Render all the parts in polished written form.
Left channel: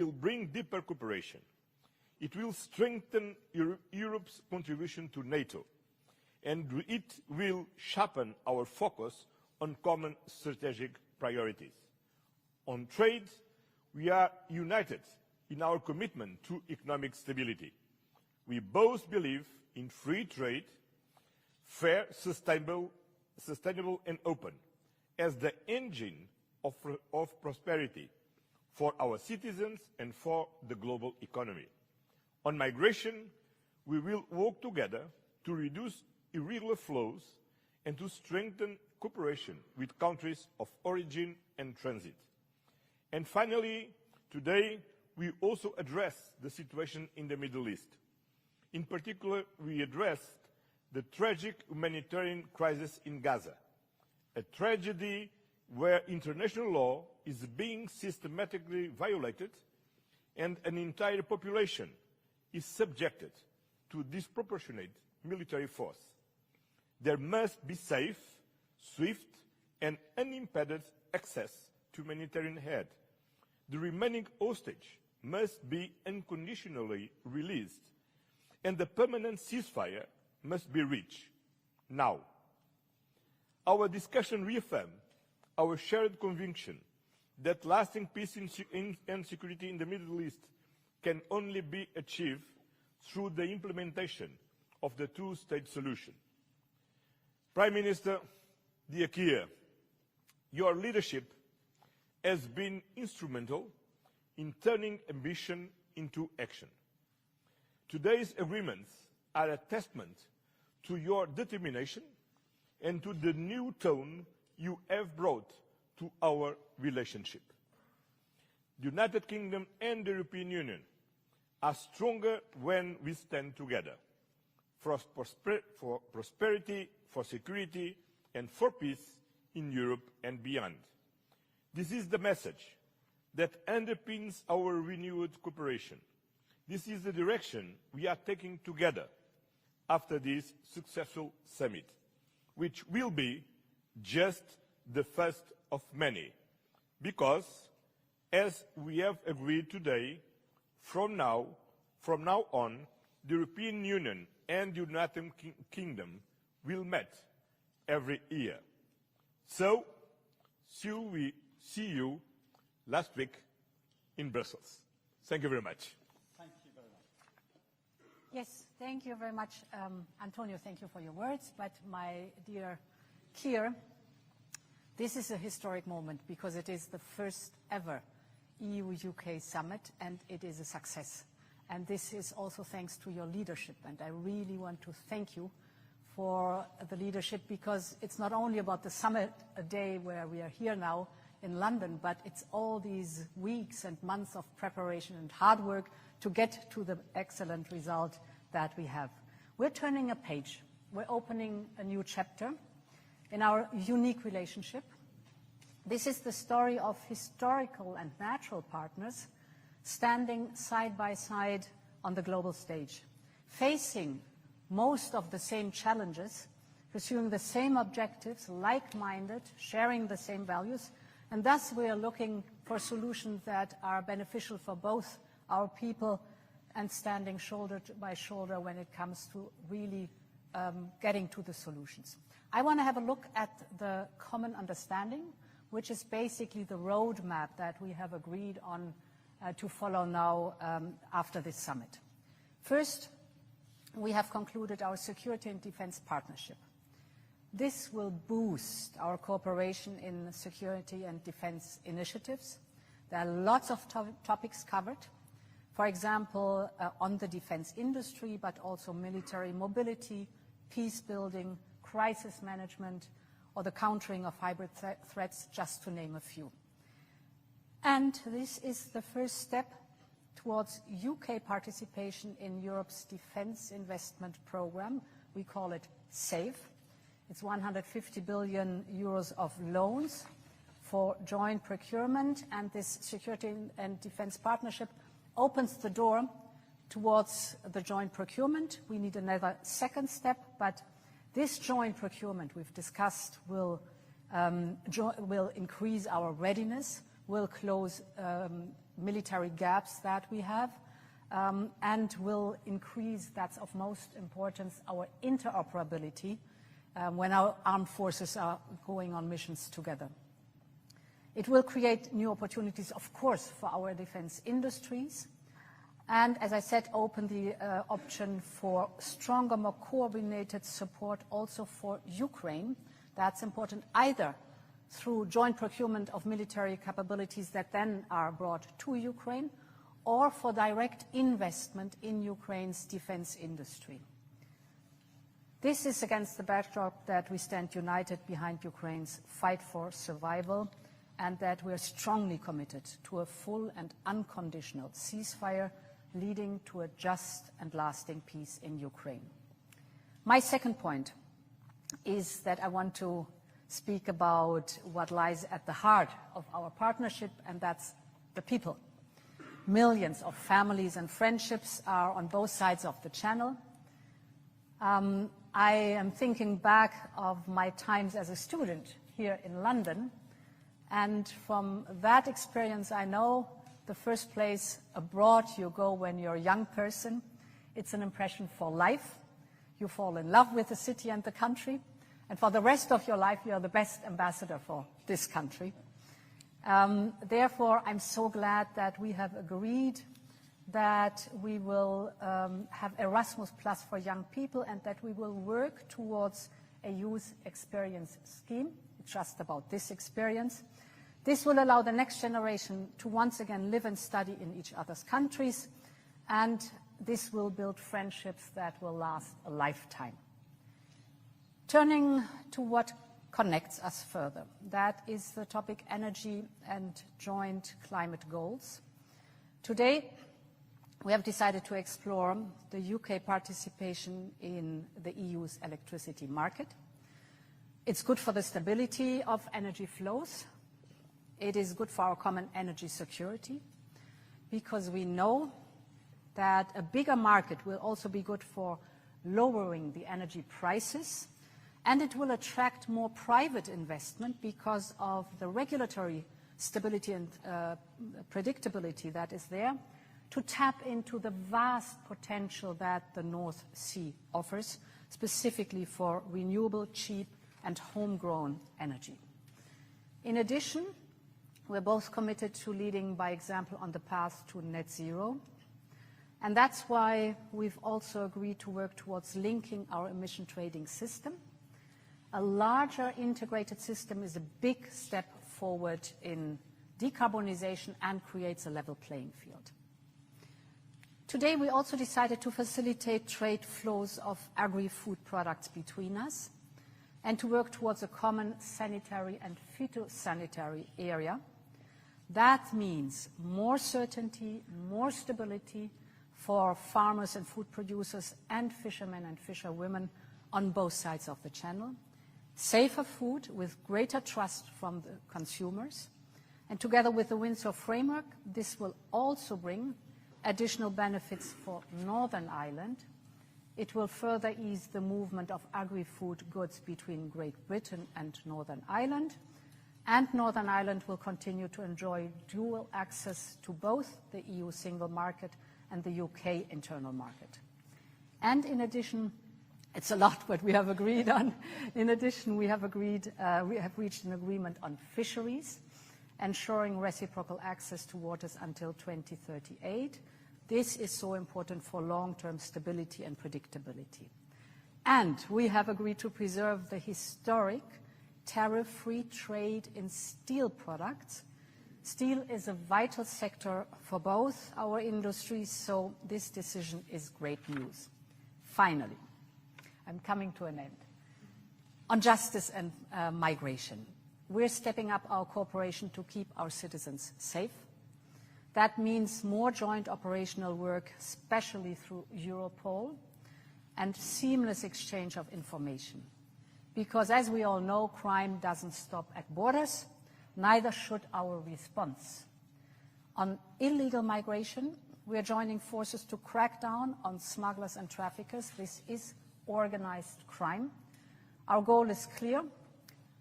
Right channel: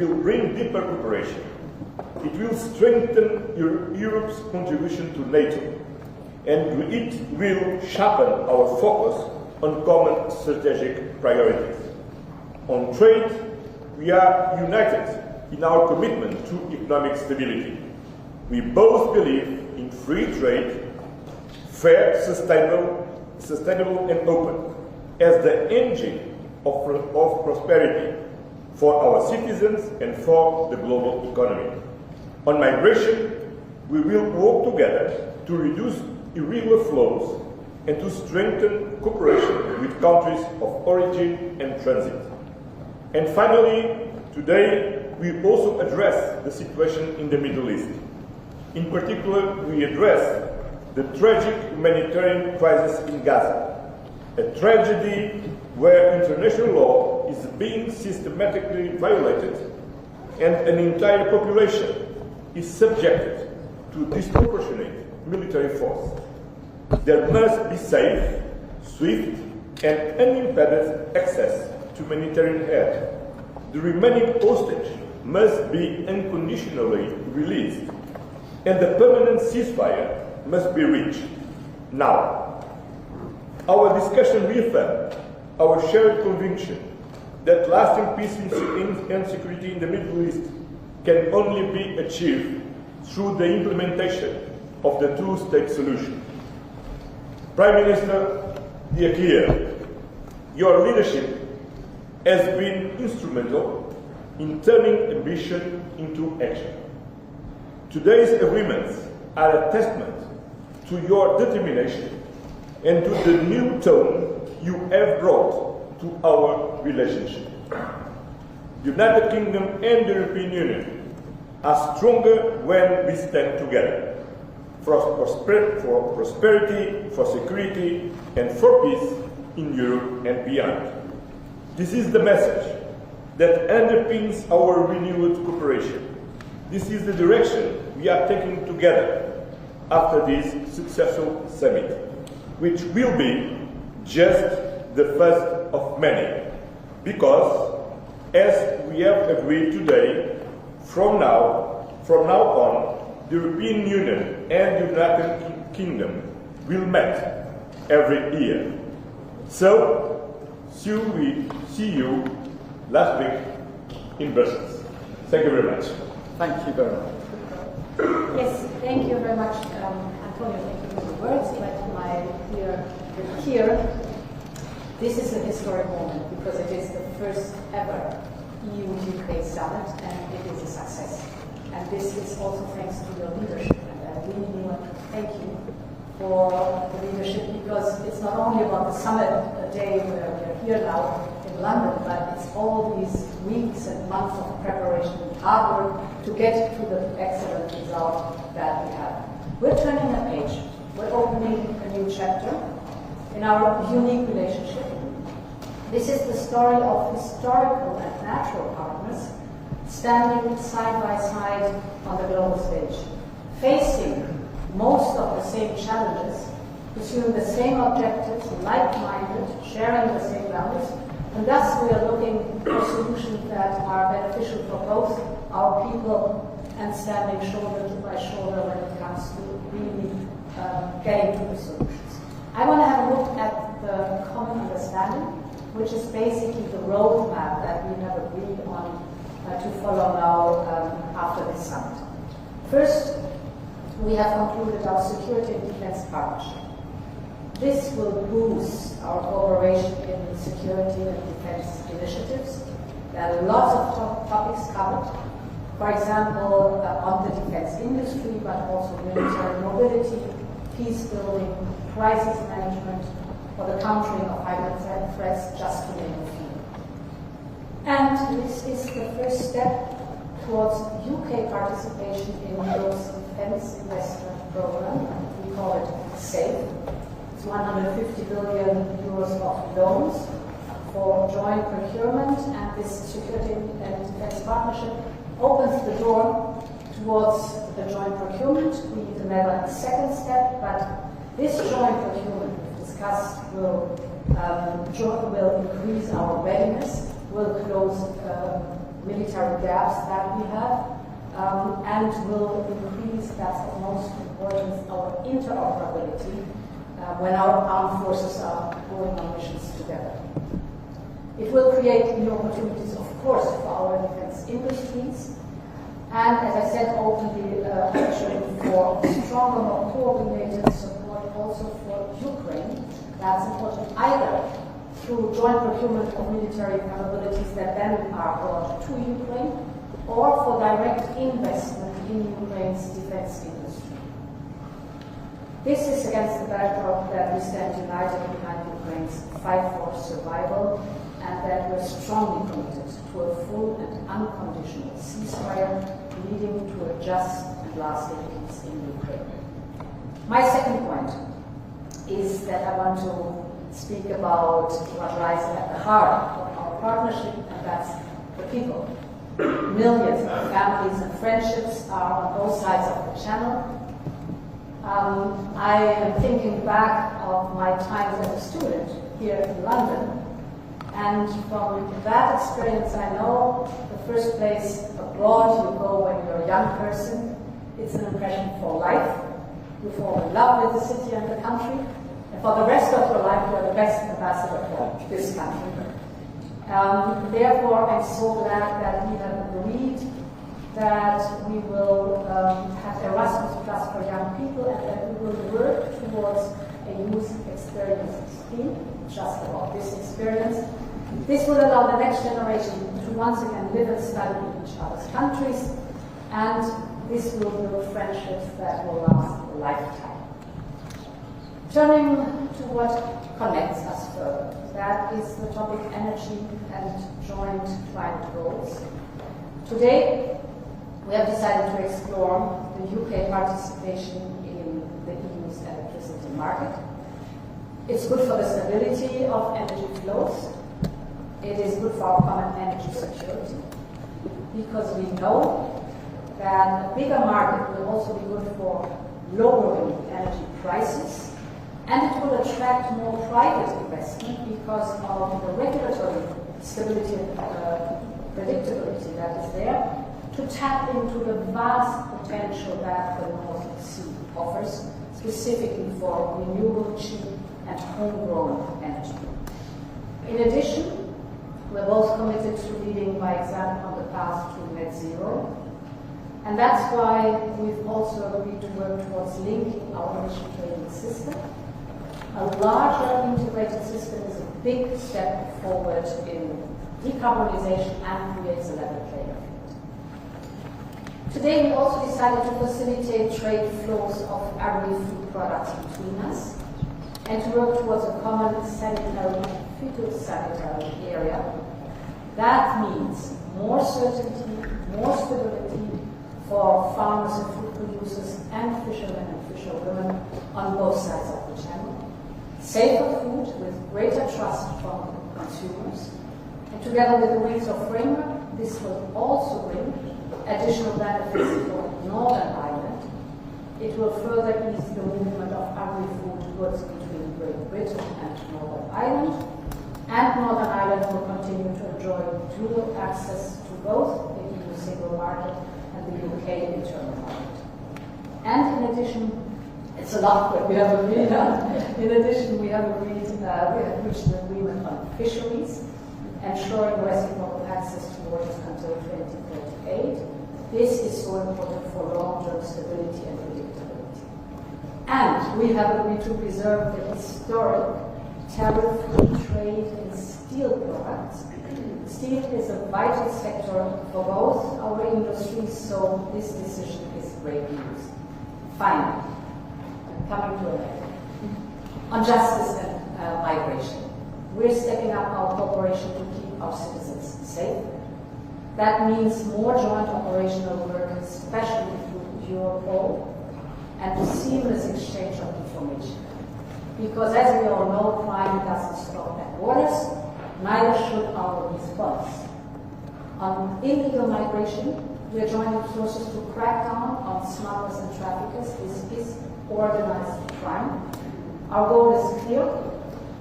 will bring deeper cooperation. It will strengthen Europe's contribution to NATO, and it will sharpen our focus on common strategic priorities. On trade, we are united in our commitment to economic stability. We both believe in free trade, fair, sustainable and open, as the engine of prosperity for our citizens and for the global economy. On migration, we will work together to reduce irregular flows and to strengthen cooperation with countries of origin and transit. And finally, today, we also address the situation in the Middle East. In particular, we address the tragic humanitarian crisis in Gaza, a tragedy where international law is being systematically violated and an entire population is subjected to disproportionate military force. There must be safe, swift, and unimpeded access to humanitarian aid. The remaining hostage must be unconditionally released, and the permanent ceasefire must be reached now. Our discussion reaffirmed our shared conviction that lasting peace and security in the Middle East can only be achieved through the implementation of the two-state solution. Prime Minister Keir, your leadership has been instrumental in turning ambition into action. Today's agreements are a testament to your determination and to the new tone you have brought to our relationship. The United Kingdom and the European Union are stronger when we stand together for prosperity, for security, and for peace in Europe and beyond. This is the message that underpins our renewed cooperation. This is the direction we are taking together after this successful summit, which will be just the first of many, because, as we have agreed today, from now on, the European Union and the United Kingdom will meet every year. So, see you last week in Brussels. Thank you very much. Thank you very much. Yes, thank you very much, Antonio. Thank you for the words. But my dear Keir, this is a historic moment because it is the first ever EU-UK summit, and it is a success. And this is also thanks to your leadership, and I really want to thank you for the leadership, because it's not only about the summit, a day where we are here now in London, but it's all these weeks and months of preparation and hard work to get to the excellent result that we have. We're turning a page. We're opening a new chapter in our unique relationship. This is the story of historical and natural partners standing side by side on the global stage, facing most of the same challenges, pursuing the same objectives, like-minded, sharing the same values, and thus we are looking for solutions that are beneficial for both our people and standing shoulder by shoulder when it comes to really getting to the solutions. I want to have a look at the common understanding, which is basically the roadmap that we have agreed on to follow now after this summit. First, we have concluded our security and defense partnership. This will boost our cooperation in security and defense initiatives. There are lots of topics covered. For example, on the defense industry, but also military mobility, peace building, crisis management, or the countering of hybrid threats, just to name a few. And this is the first step towards UK participation in Europe's defense investment program. We call it SAFE. It's 150 billion euros of loans for joint procurement, and this security and defense partnership opens the door towards the joint procurement. We need another second step, but this joint procurement we've discussed will increase our readiness, will close military gaps that we have, and will increase, that's of most importance, our interoperability when our armed forces are going on missions together. It will create new opportunities, of course, for our defense industries, and, as I said, open the opportunity for stronger, more coordinated support also for Ukraine. That's important either through joint procurement of military capabilities that then are brought to Ukraine, or for direct investment in Ukraine's defense industry. This is against the backdrop that we stand united behind Ukraine's fight for survival, and that we're strongly committed to a full and unconditional ceasefire leading to a just and lasting peace in Ukraine. My second point is that I want to speak about what lies at the heart of our partnership, and that's the people. Millions of families and friendships are on both sides of the channel. I am thinking back of my times as a student here in London, and from that experience I know the first place abroad you go when you're a young person, it's an impression for life. You fall in love with the city and the country, and for the rest of your life you are the best ambassador for this country. Therefore, I'm so glad that we have agreed that we will have Erasmus Plus for young people, and that we will work towards a youth experience scheme, just about this experience. This will allow the next generation to once again live and study in each other's countries, and this will build friendships that will last a lifetime. Turning to what connects us further, that is the topic energy and joint climate goals. Today, we have decided to explore the UK participation in the EU's electricity market. It's good for the stability of energy flows. It is good for our common energy security, because we know that a bigger market will also be good for lowering energy prices, and it will attract more private investment because of the regulatory stability and predictability that is there, to tap into the vast potential that the North Sea offers, specifically for renewable, cheap, and homegrown energy. In addition, we're both committed to leading by example on the path to net zero, and that's why we've also agreed to work towards linking our emission trading system. A larger integrated system is a big step forward in decarbonization and creates a level playing field. Today, we also decided to facilitate trade flows of agri-food products between us, and to work towards a common sanitary and phytosanitary area. That means more certainty, more stability for farmers and food producers and fishermen and fisherwomen on both sides of the channel, safer food with greater trust from consumers, and together with the Wings of Framework, this will also bring additional benefits for Northern Ireland. It will further ease the movement of agri-food goods between Great Britain and Northern Ireland, and Northern Ireland will continue to enjoy dual access to both the EU single market and the UK internal market. And in addition, it's a lot what we have agreed on. In addition, we have reached an agreement on fisheries, ensuring reciprocal access to waters until 2038. This is so important for long-term stability and predictability. And we have agreed to preserve the historic tariff-free trade in steel products. Steel is a vital sector for both our industries, so this decision is great news. Finally, I'm coming to an end. On justice and migration, we're stepping up our cooperation to keep our citizens safe. That means more joint operational work, especially through Europol, and a seamless exchange of information. Because as we all know, crime doesn't stop at borders, neither should our response. On illegal migration, we are joining forces to crack down on smugglers and traffickers. This is organized crime. Our goal is clear.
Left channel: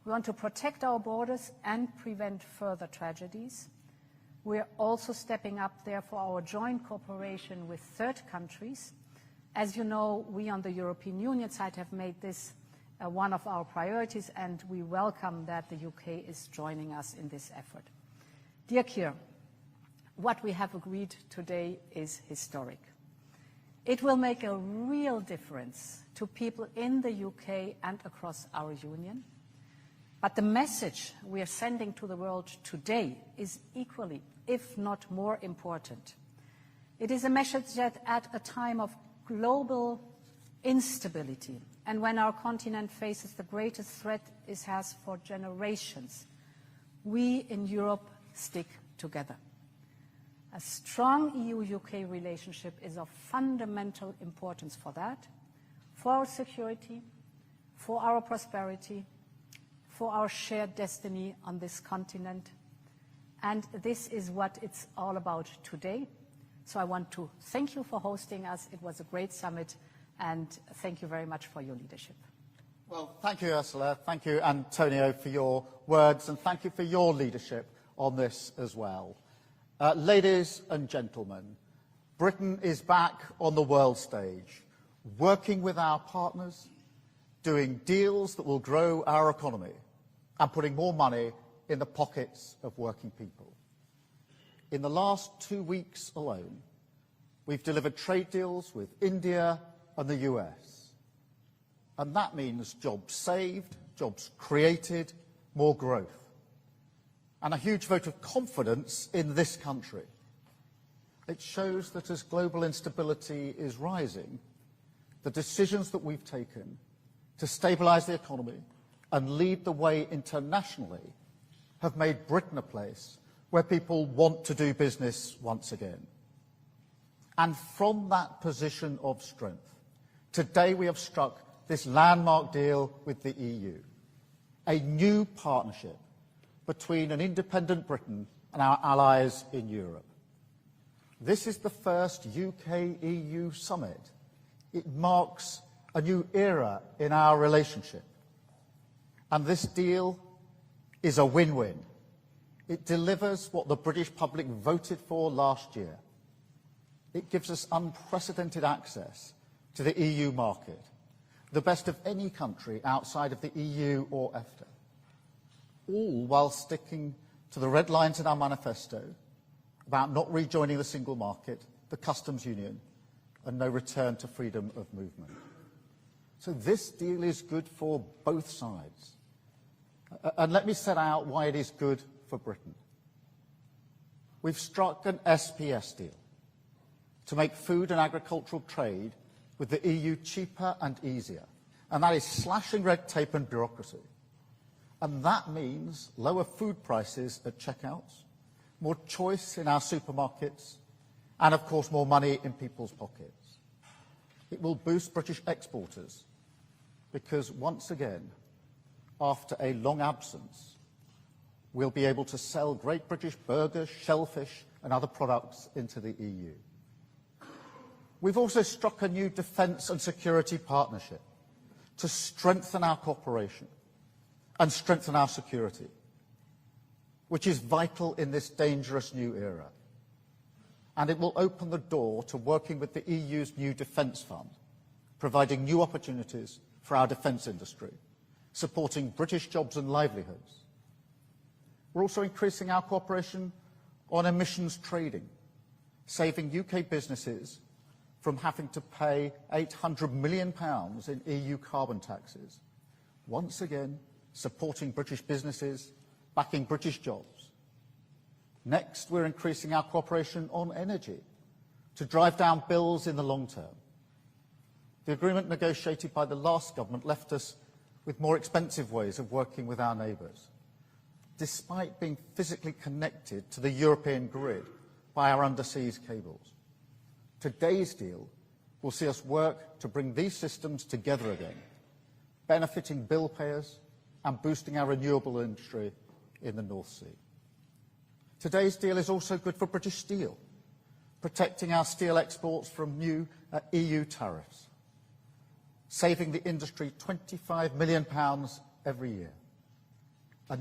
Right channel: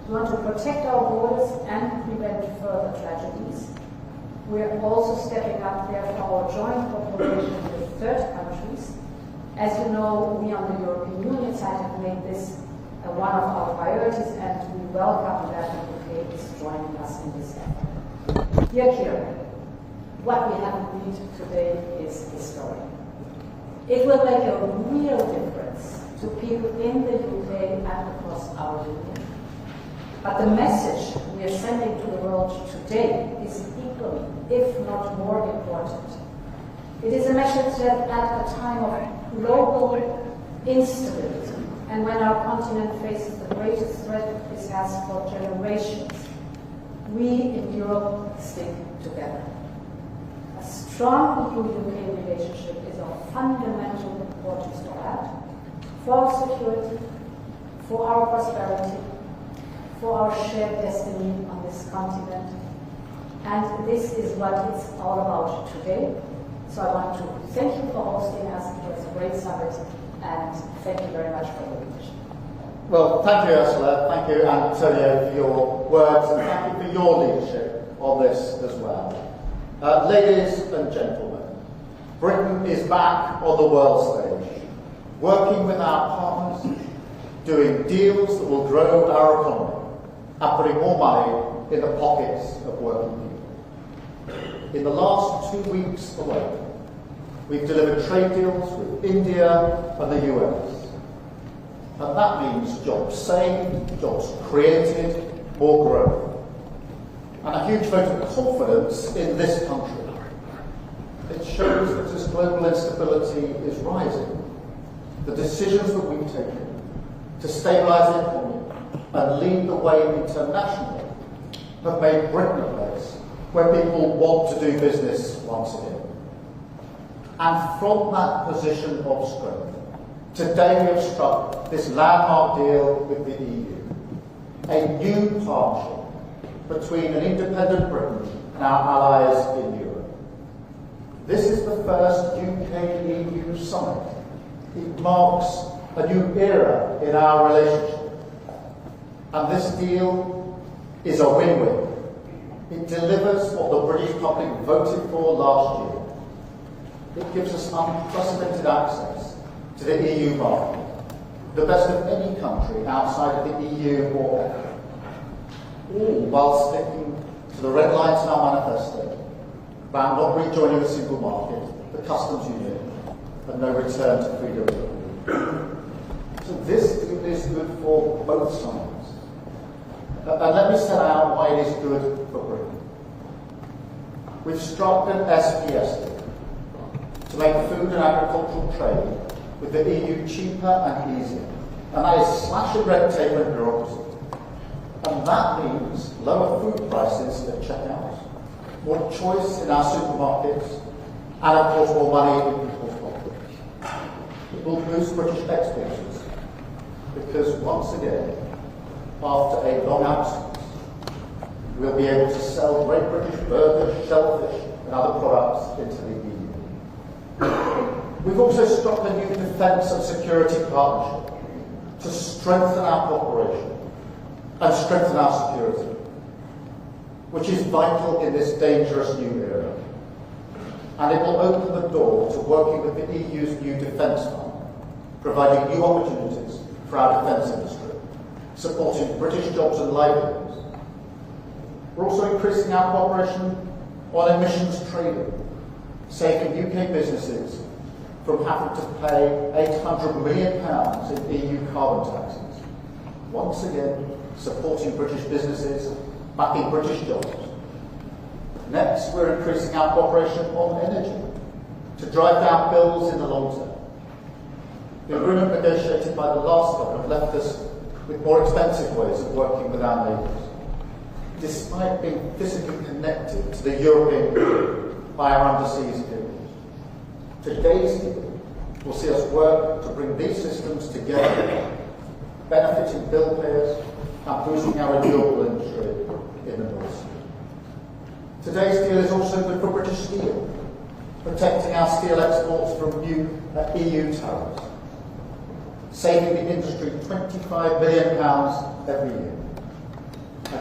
We want to protect our borders and prevent further tragedies. We are also stepping up there for our joint cooperation with third countries. As you know, we on the European Union side have made this one of our priorities, and we welcome that the UK is joining us in this effort. Dear Keir, what we have agreed today is historic. It will make a real difference to people in the UK and across our union. But the message we are sending to the world today is equally, if not more important. It is a message that at a time of global instability, and when our continent faces the greatest threat it has for generations, we in Europe stick together. A strong EU-UK relationship is of fundamental importance for that, for our security, for our prosperity, for our shared destiny on this continent. And this is what it's all about today. So I want to thank you for hosting us. It was a great summit, and thank you very much for your attention. Well, thank you, Ursula. Thank you, Antonio, for your words, and thank you for your leadership on this as well. Ladies and gentlemen, Britain is back on the world stage, working with our partners, doing deals that will grow our economy, and putting more money in the pockets of working people. In the last 2 weeks alone, we've delivered trade deals with India and the US. And that means jobs saved, jobs created, more growth. And a huge vote of confidence in this country. It shows that as global instability is rising, the decisions that we've taken to stabilise the economy and lead the way internationally have made Britain a place where people want to do business once again. And from that position of strength, today we have struck this landmark deal with the EU, a new partnership between an independent Britain and our allies in Europe. This is the first UK-EU summit. It marks a new era in our relationship. And this deal is a win-win. It delivers what the British public voted for last year. It gives us unprecedented access to the EU market, the best of any country outside of the EU or EFTA, all while sticking to the red lines in our manifesto about not rejoining the single market, the customs union, and no return to freedom of movement. So this deal is good for both sides. And let me set out why it is good for Britain. We've struck an SPS deal to make food and agricultural trade with the EU cheaper and easier. And that is slashing red tape and bureaucracy. And that means lower food prices at checkout, more choice in our supermarkets, and of course more money in people's pockets. It will boost British exporters because once again, after a long absence, we'll be able to sell Great British burgers, shellfish, and other products into the EU. We've also struck a new defence and security partnership to strengthen our cooperation and strengthen our security, which is vital in this dangerous new era. And it will open the door to working with the EU's new defence fund, providing new opportunities for our defence industry, supporting British jobs and livelihoods. We're also increasing our cooperation on emissions trading, saving UK businesses from having to pay £800 million in EU carbon taxes. Once again, supporting British businesses, backing British jobs. Next, we're increasing our cooperation on energy to drive down bills in the long term. The agreement negotiated by the last government left us with more expensive ways of working with our neighbours, despite being physically connected to the European Union by our underseas cables. Today's deal will see us work to bring these systems together, benefiting bill payers and boosting our renewable industry in the North Sea. Today's deal is also good for British steel, protecting our steel exports from new EU tariffs, saving the industry £25 million every year.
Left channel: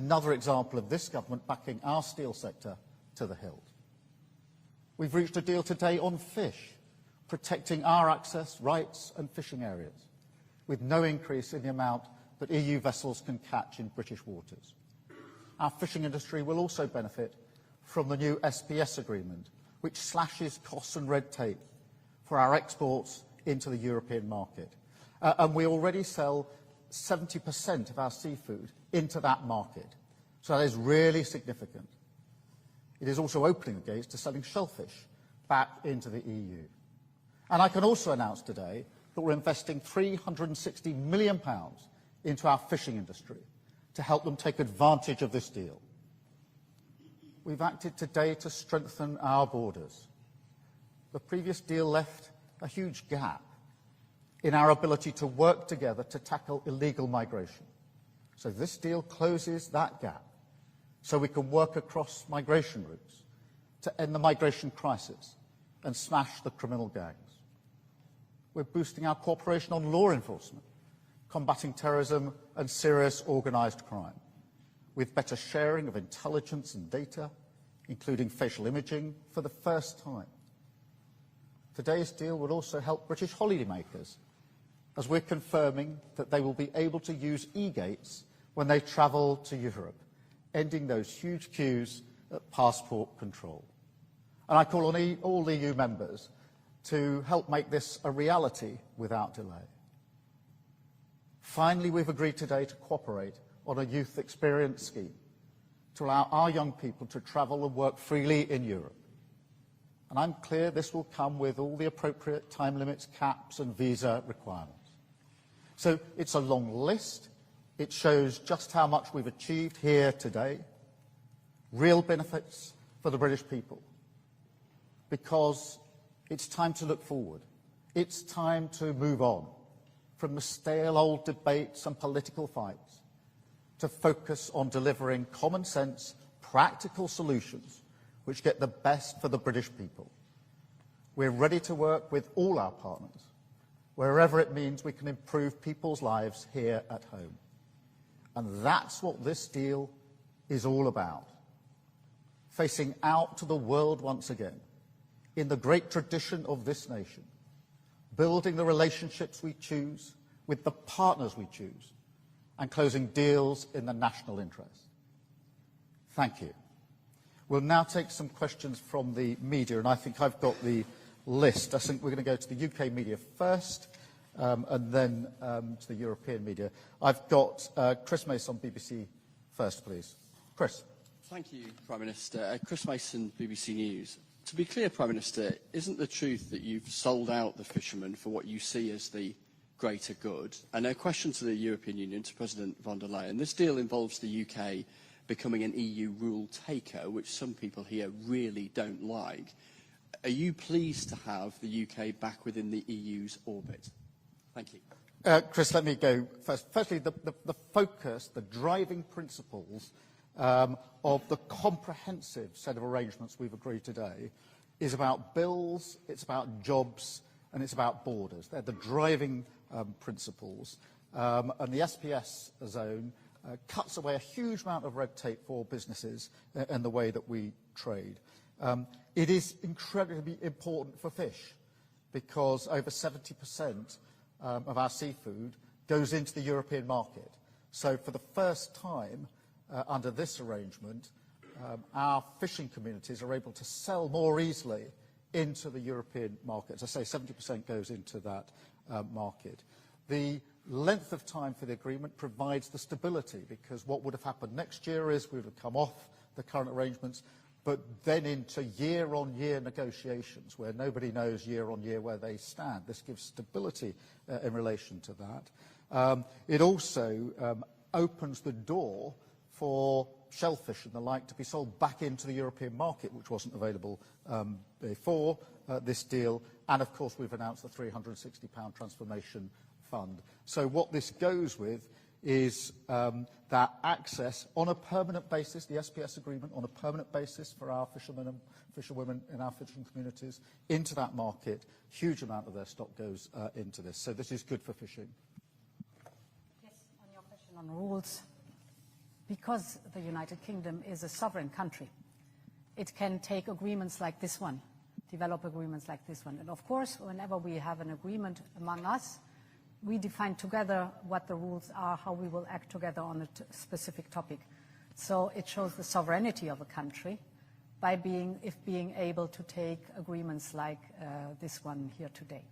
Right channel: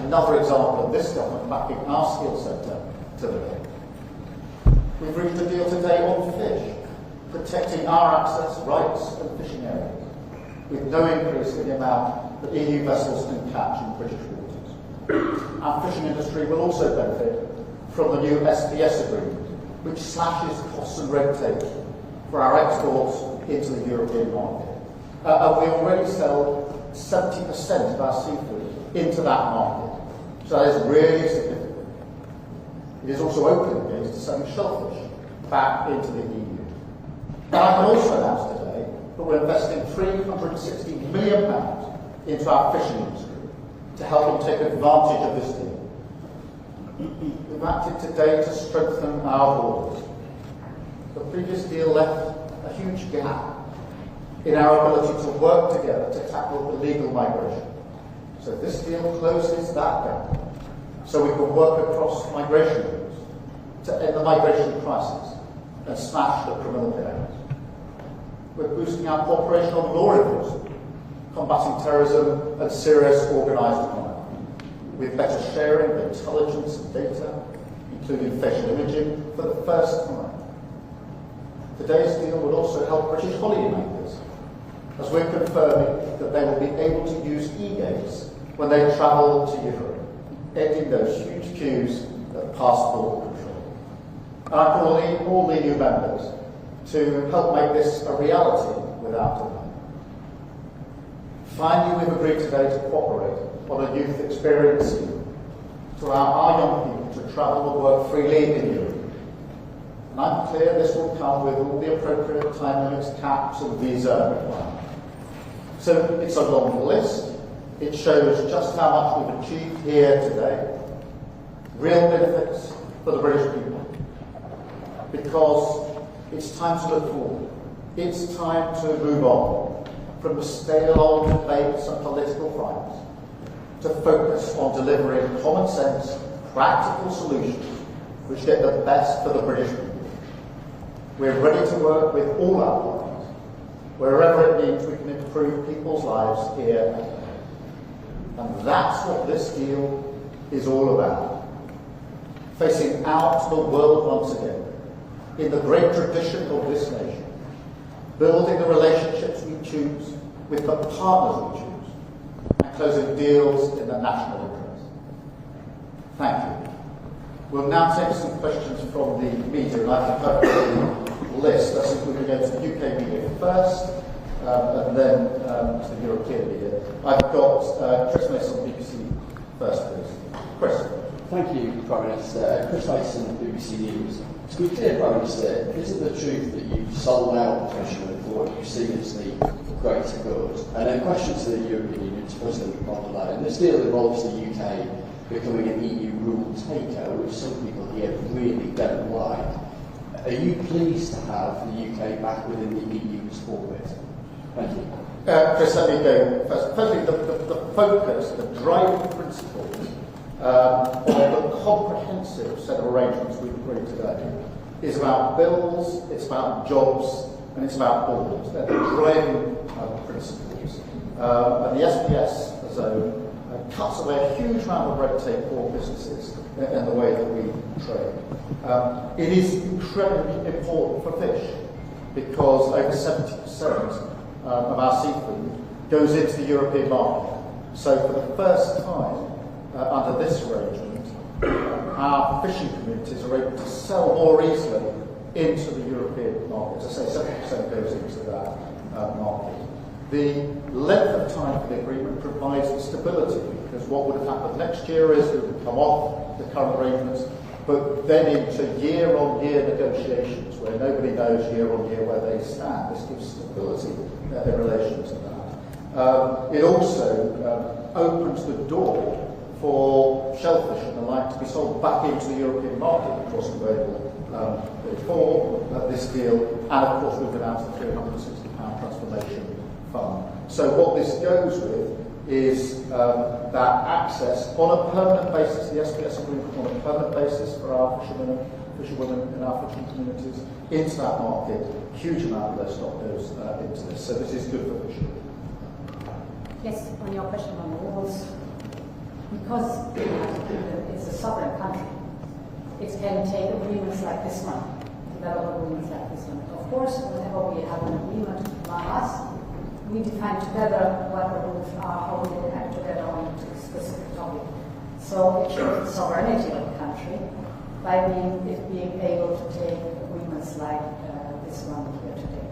Another example of this government backing our steel sector to the bank. We've reached a deal today on fish, protecting our access rights and fishing areas, with no increase in the amount that EU vessels can catch in British waters. Our fishing industry will also benefit from the new SPS agreement, which slashes costs and red tape for our exports into the European market. And we already sell 70% of our seafood into that market, so that is really significant. It is also open the gates to selling shellfish back into the EU. And I can also announce today that we're investing £360 million into our fishing industry to help them take advantage of this deal. We've acted today to strengthen our borders. The previous deal left a huge gap in our ability to work together to tackle illegal migration. So this deal closes that gap, so we can work across migration routes to end the migration crisis and smash the criminal gangs. We're boosting our cooperation on law enforcement, combating terrorism and serious organised crime, with better sharing of intelligence and data, including facial imaging, for the first time. Today's deal will also help British holidaymakers, as we're confirming that they will be able to use e-gates when they travel to Europe, ending those huge queues at passport control. And I call on all the EU members to help make this a reality without delay. Finally, we've agreed today to cooperate on a youth experience scheme to allow our young people to travel and work freely in Europe. I'm clear this will come with all the appropriate time limits, caps and visa requirements. So it's a long list. It shows just how much we've achieved here today. Real benefits for the British people. Because it's time to look forward. It's time to move on from the stale old debates and political fights to focus on delivering common sense, practical solutions which get the best for the British people. We're ready to work with all our partners, wherever it means we can improve people's lives here and there. And that's what this deal is all about. Facing out to the world once again, in the great tradition of this nation, building the relationships we choose with the partners we choose, and closing deals in the national interest. Thank you. We'll now take some questions from the media, and I think I've got the list. I think we're going to go to the UK media first, and then to the European media. I've got Chris Mason, BBC, first, please. Chris. Thank you, Prime Minister. Chris Mason, BBC News. To be clear, Prime Minister, isn't the truth that you've sold out the fishermen for what you see as the greater good? And then question to the European Union, to President von der Leyen. This deal involves the UK becoming an EU rule taker, which some people here really don't like. Are you pleased to have the UK back within the EU's orbit? Thank you. Chris, let me go first. Firstly, the focus, the driving principles of the comprehensive set of arrangements we've agreed today is about bills, it's about jobs, and it's about borders. They're the driving principles. And the SPS zone cuts away a huge amount of red tape for businesses in the way that we trade. It is incredibly important for fish because over 70% of our seafood goes into the European market. So for the first time under this arrangement, our fishing communities are able to sell more easily into the European market. As I say, 70% goes into that market. The length of time for the agreement provides the stability, because what would have happened next year is we would come off the current arrangements, but then into year-on-year negotiations where nobody knows year-on-year where they stand. This gives stability in relation to that. It also opens the door for shellfish and the like to be sold back into the European market, which wasn't available before this deal. And of course, we've announced the £360 transformation fund. So what this goes with is that access on a permanent basis, the SPS agreement on a permanent basis for our fisherwomen in our fishing communities into that market. Huge amount of their stock goes into this. So this is good for fishing. Yes, on your question on the rules, because the United Kingdom is a sovereign country, it can take agreements like this one develop agreements like this one. Of course, whenever we have an agreement among us, we define together what the rules are, how we will act together on a specific topic. So it shows sovereignty of the country by being able to take agreements like this one here today.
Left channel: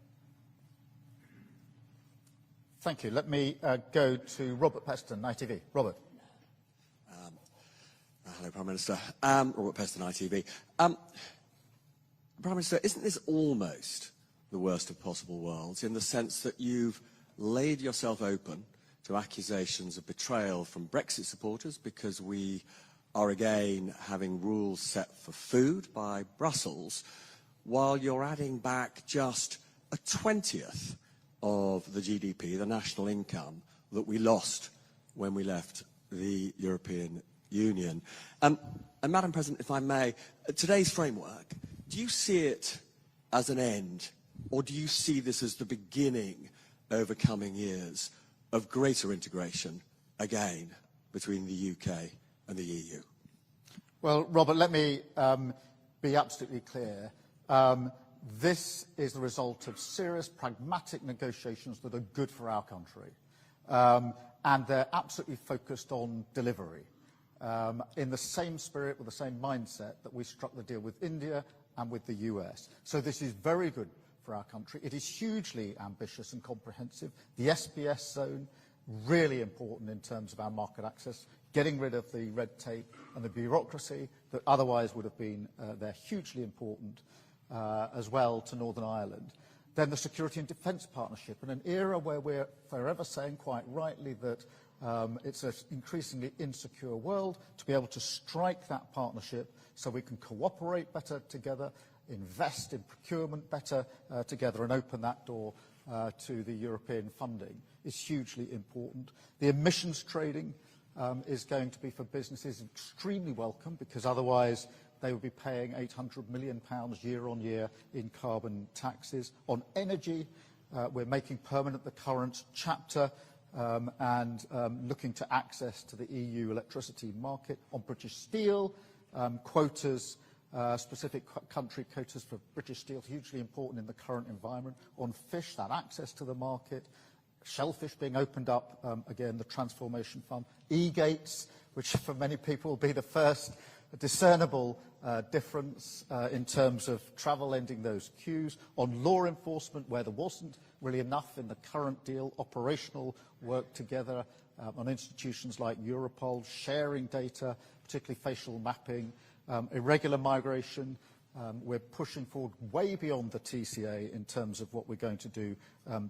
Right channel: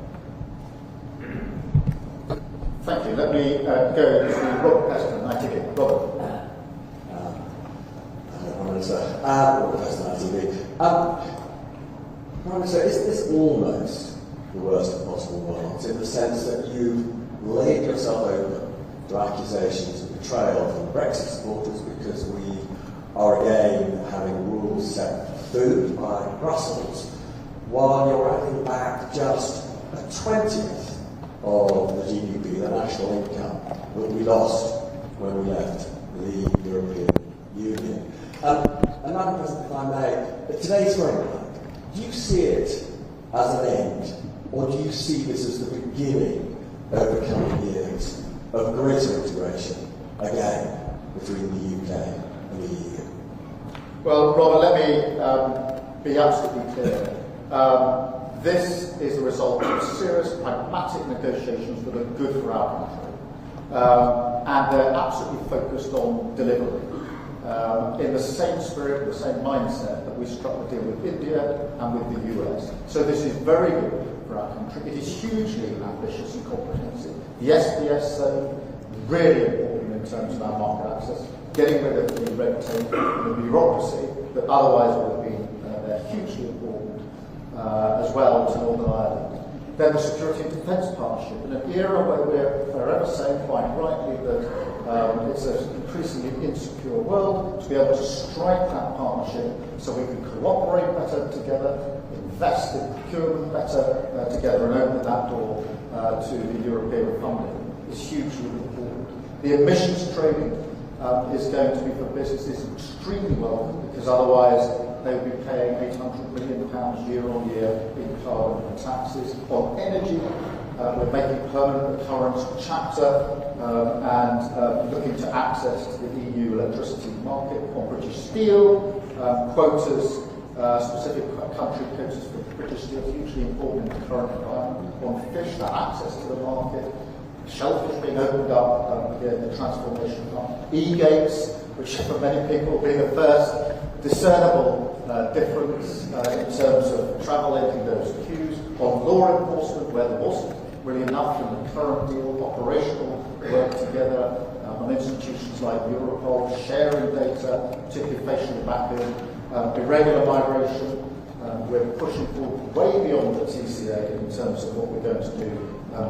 Thank you. Let me go to Robert Peston, ITV. Robert. Prime Minister, Robert Peston, ITV. Prime Minister, isn't this almost the worst of possible worlds in the sense that you laid yourself open to accusations of betrayal from Brexit supporters because we are again having rules set for food by Brussels, while you're adding back just a 20th of the GDP, the national income, that we lost when we left the European Union. And Madam President, if I may, today's framework, do you see it as an end, or do you see this as the beginning over coming years of greater integration, again, between the UK and the EU? Well, Robert, let me be absolutely clear. This is the result of serious, pragmatic negotiations that are good for our country. And they're absolutely focused on delivery. In the same spirit, in the same mindset that we struck the deal with India and with the US. So this is very good for our country. It is hugely ambitious and comprehensive. The SBS zone, really important in terms of our market access, getting rid of the red tape and the bureaucracy that otherwise would have been hugely important as well to Northern Ireland. Then the security and defence partnership, in an era where we're forever saying quite rightly that it's an increasingly insecure world, to be able to strike that partnership so we can cooperate better together, invest in procurement better together, and open that door to the European funding is hugely important. The emissions trading is going to be for businesses extremely welcome, because otherwise they would be paying £800 million year on year in carbon taxes. On energy, we're making permanent the current chapter and looking to access to the EU electricity market. On British steel, quotas, specific country quotas for British steel is hugely important in the current environment. On fish, that access to the market. Shellfish being opened up, again, the transformation fund. E-gates, which for many people will be the first discernible difference in terms of travel ending those queues. On law enforcement, where there wasn't really enough in the current deal, operational work together on institutions like Europol, sharing data, particularly facial mapping, irregular migration. We're pushing forward way beyond the TCA in terms of what we're going to do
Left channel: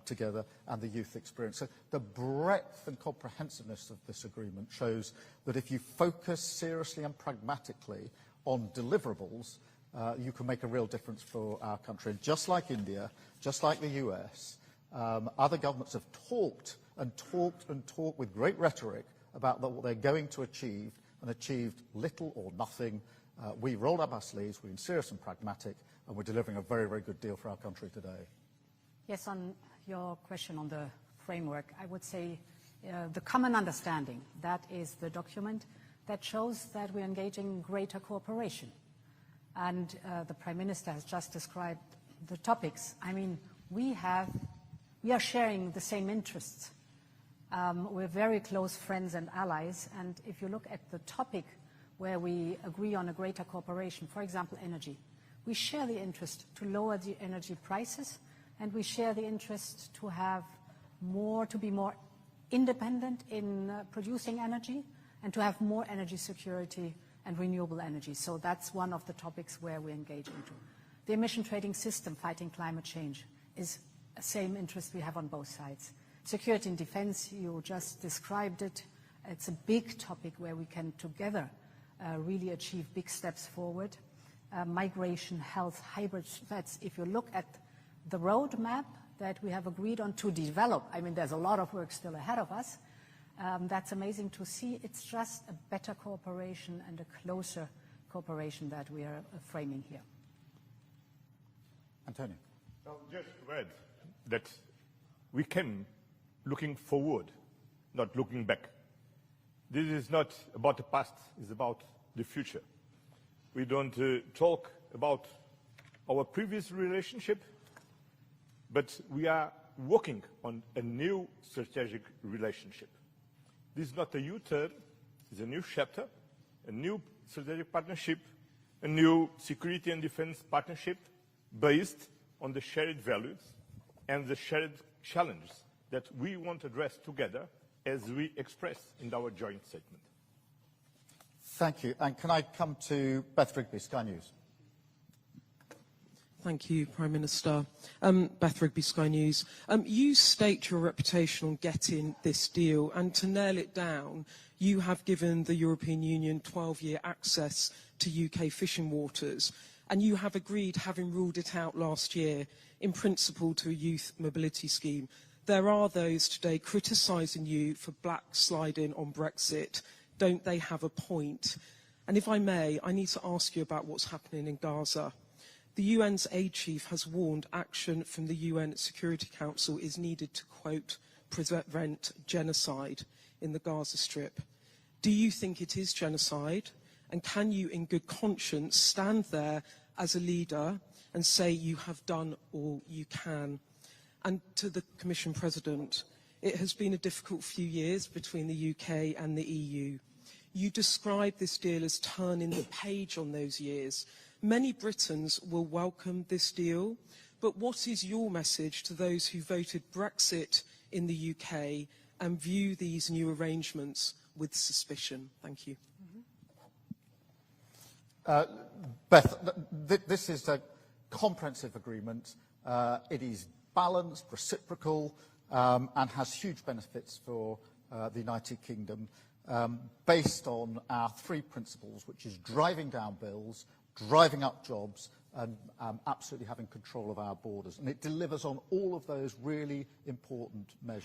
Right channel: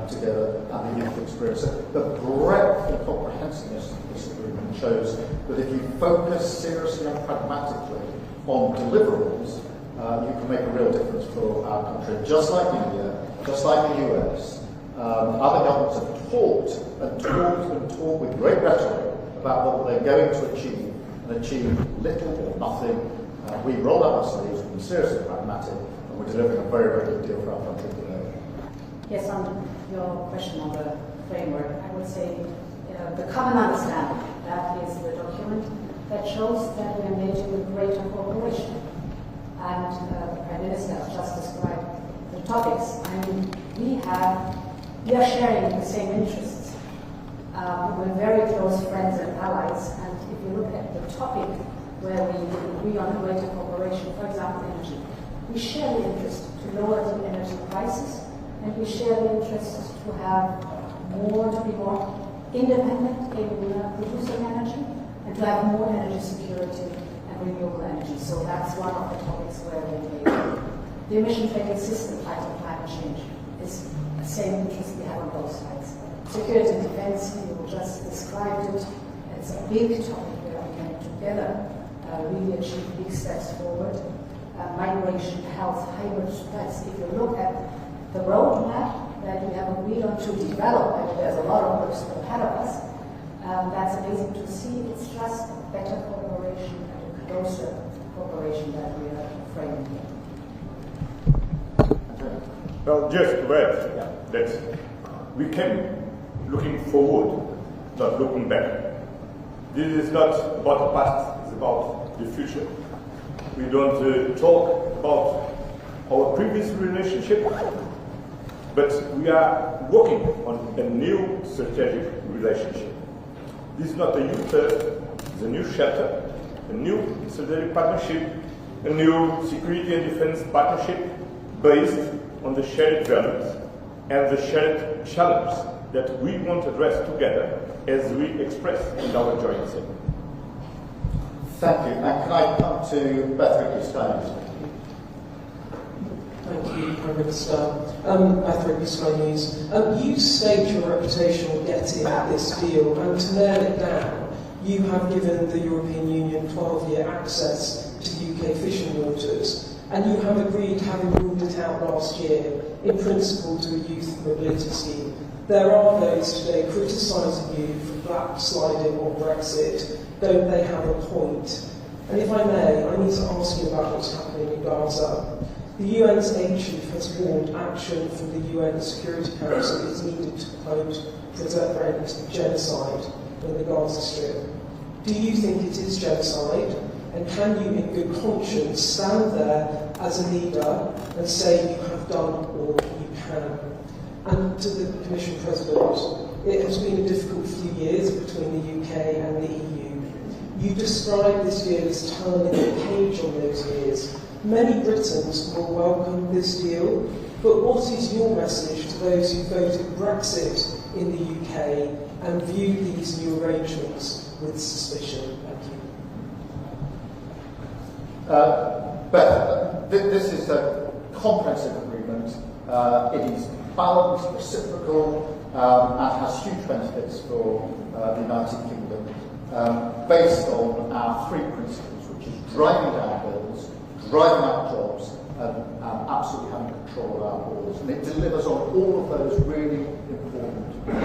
together and the youth experience. So the breadth and comprehensiveness of this agreement shows that if you focus seriously and pragmatically on deliverables, you can make a real difference for our country. Just like India, just like the US, other governments have talked with great rhetoric about what they're going to achieve, and achieve little or nothing. We roll up our sleeves, we're seriously pragmatic, and we're delivering a very, very good deal for our country today. Yes, on your question on the framework, I would say the common understanding, that is the document that shows that we're engaging with greater cooperation. And the Prime Minister has just described the topics. I mean, we are sharing the same interests. We're very close friends and allies, and if you look at the topic where we agree on greater cooperation, for example, energy, we share the interest to lower the energy prices, and we share the interest to be more independent in producing energy, and to have more energy security and renewable energy. So that's one of the topics where we engage. The emission trading system, fighting climate change, is the same interest we have on both sides. Security and defense, you just described it. It's a big topic where we can together really achieve big steps forward. Migration, health, hybrid threats. If you look at the roadmap that we have agreed on to develop, I mean, there's a lot of work still ahead of us. That's amazing to see. It's just better cooperation and a closer cooperation that we are framing here. Well, just to add that we can looking forward, not looking back. This is not about the past, it's about the future. We don't talk about our previous relationship, but we are working on a new strategic relationship. This is not a U-turn, it's a new chapter, a new strategic partnership, a new security and defense partnership based on the shared values and the shared challenges that we want to address together as we express in our joint statement. Thank you. And can I come to Beth Sky? Thank you, Prime Minister. Beth Sky News. You staked your reputation on getting this deal, and to nail it down, you have given the European Union 12-year access to UK fishing waters, and you have agreed, having ruled it out last year, in principle to a youth mobility scheme. There are those today criticising you for backsliding on Brexit. Don't they have a point? And if I may, I need to ask you about what's happening in Gaza. The UN's aid chief has warned action from the UN Security Council is needed to, quote, prevent genocide in the Gaza Strip. Do you think it is genocide? And can you, in good conscience, stand there as a leader and say you have done all you can? And to the Commission President, it has been a difficult few years between the UK and the EU. You describe this deal as turning the page on those years. Many Britons will welcome this deal, but what is your message to those who voted Brexit in the UK and view these new arrangements with suspicion? Thank you. Beth, this is a comprehensive agreement. It is balanced, reciprocal, and has huge benefits for the United Kingdom, based on our three principles, which is driving down bills, driving out jobs, and absolutely having control of our borders. And it delivers on all of those really important things.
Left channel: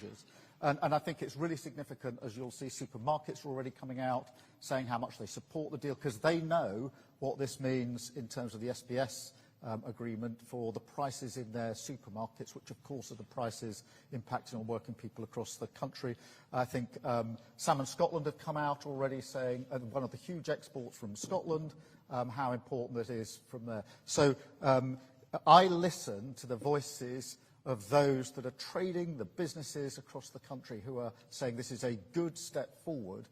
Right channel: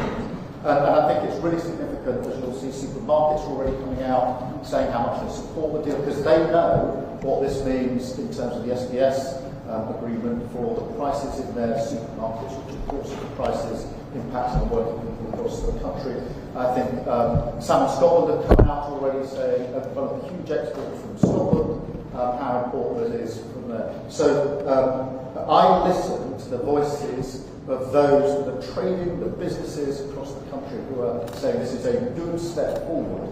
And I think it's really significant, as you'll see supermarkets already coming out saying how much they support the deal, because they know what this means in terms of the SBS agreement for the prices in their supermarkets, which of course are the prices impacting on working people across the country. I think Sam and Scotland have come out already saying one of the huge exports from Scotland, how important it is from there. So I listen to the voices of those that are trading, the businesses across the country who are saying this is a good step forward,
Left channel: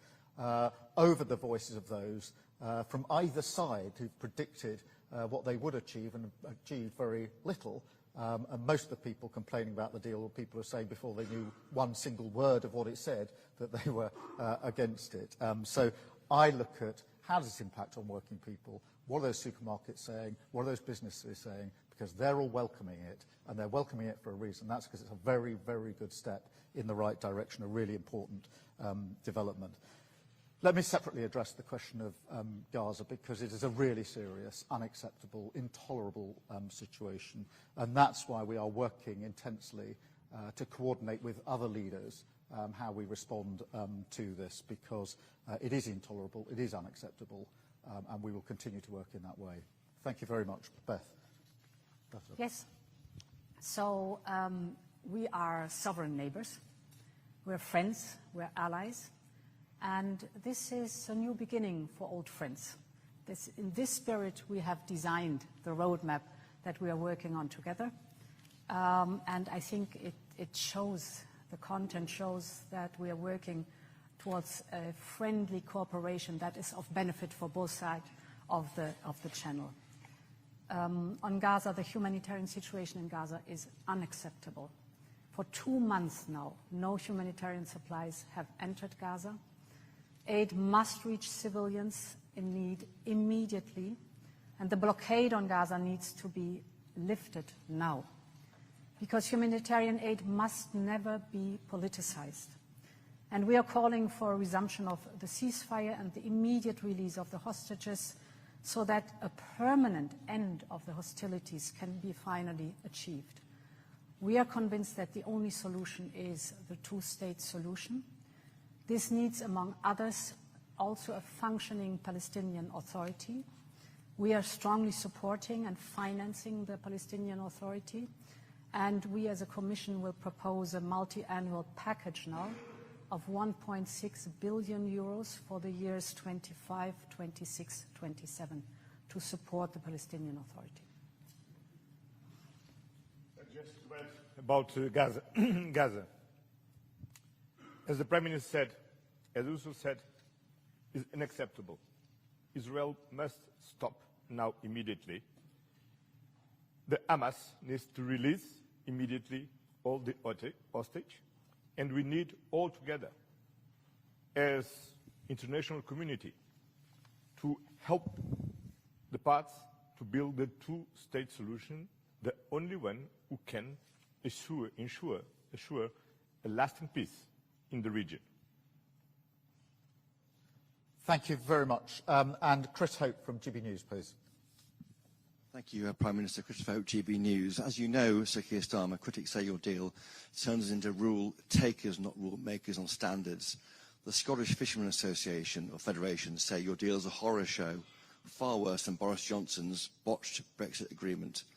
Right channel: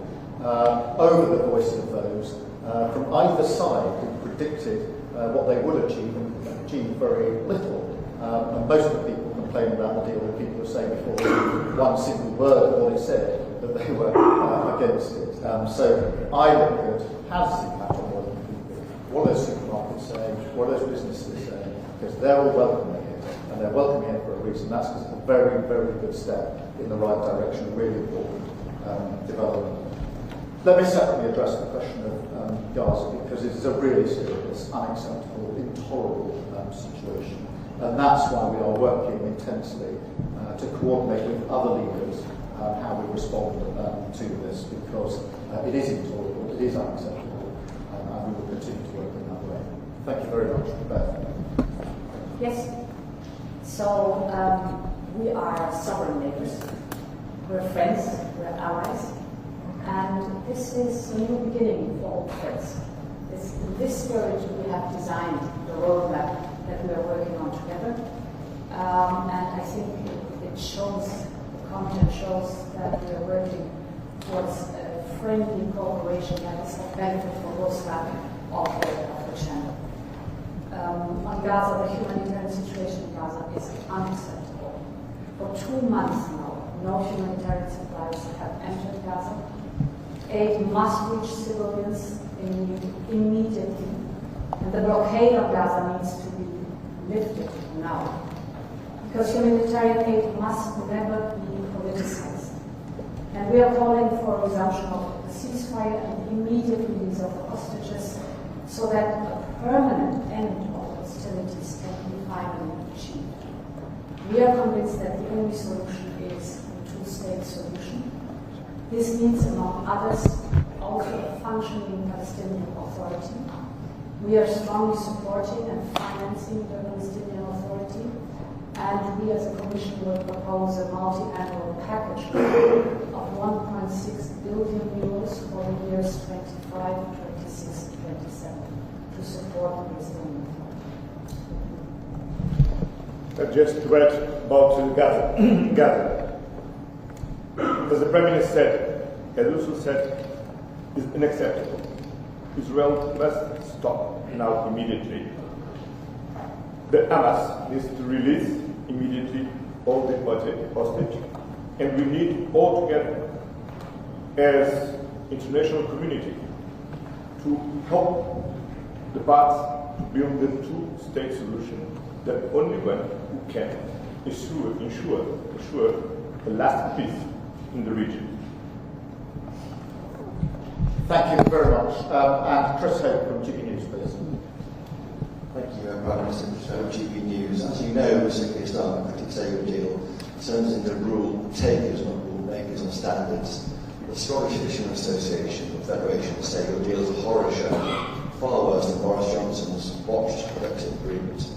over the voice of those from either side who predicted what they would achieve and achieved very little. And most of the people complaining about the deal were people who were saying before one single word of what it said that they were against it. So I look at how does this impact on working people? What are those supermarkets saying? What are those businesses saying? Because they're all welcoming it, and they're welcoming it for a reason. That's because it's a very, very good step in the right direction, a really important development. Let me separately address the question of Gaza, because it's a really serious, unacceptable, intolerable situation. And that's why we are working intensely to coordinate with other leaders how we respond to this, because it is intolerable, it is unacceptable, and we will continue to work in that way. Thank you very much. Beth. Yes. So we are sovereign neighbors. We're friends, we're allies. And this is a new beginning for old friends. In this spirit, we have designed the roadmap that we are working on together. And I think it shows, the content shows that we are working towards a friendly cooperation that is of benefit for both sides of the channel. On Gaza, the humanitarian situation in Gaza is unacceptable. For 2 months now, no humanitarian supplies have entered Gaza. Aid must reach civilians in need immediately, and the blockade of Gaza needs to be lifted now, because humanitarian aid must never be politicized. And we are calling for a resumption of the ceasefire and the immediate release of the hostages, so that a permanent end of hostilities can be finally achieved. We are convinced that the only solution is a two-state solution. This means, among others, also a functioning Palestinian Authority. We are strongly supporting and financing the Palestinian Authority, and we as a Commission will propose a multi-annual package of 1.6 billion euros for the years 25, 26, 27 to support the Palestinian Authority. just to add about Gaza. As the Prime Minister said, as also said, is unacceptable. Israel must stop now immediately. The Hamas needs to release immediately all the hostage, and we need all together as international community to help the parts to build the two-state solution, the only one who can ensure a lasting peace in the region. Thank you very much. And Chris Hope from GB News, please. Thank you, Prime Minister from GB News. As you know, Mr. Keir Starmer, critics say your deal turns into rule takers, not rule makers on standards. The Scottish Fishermen Association, the Federation, say your deal is a horror show, far worse than Boris Johnson's botched Brexit agreement.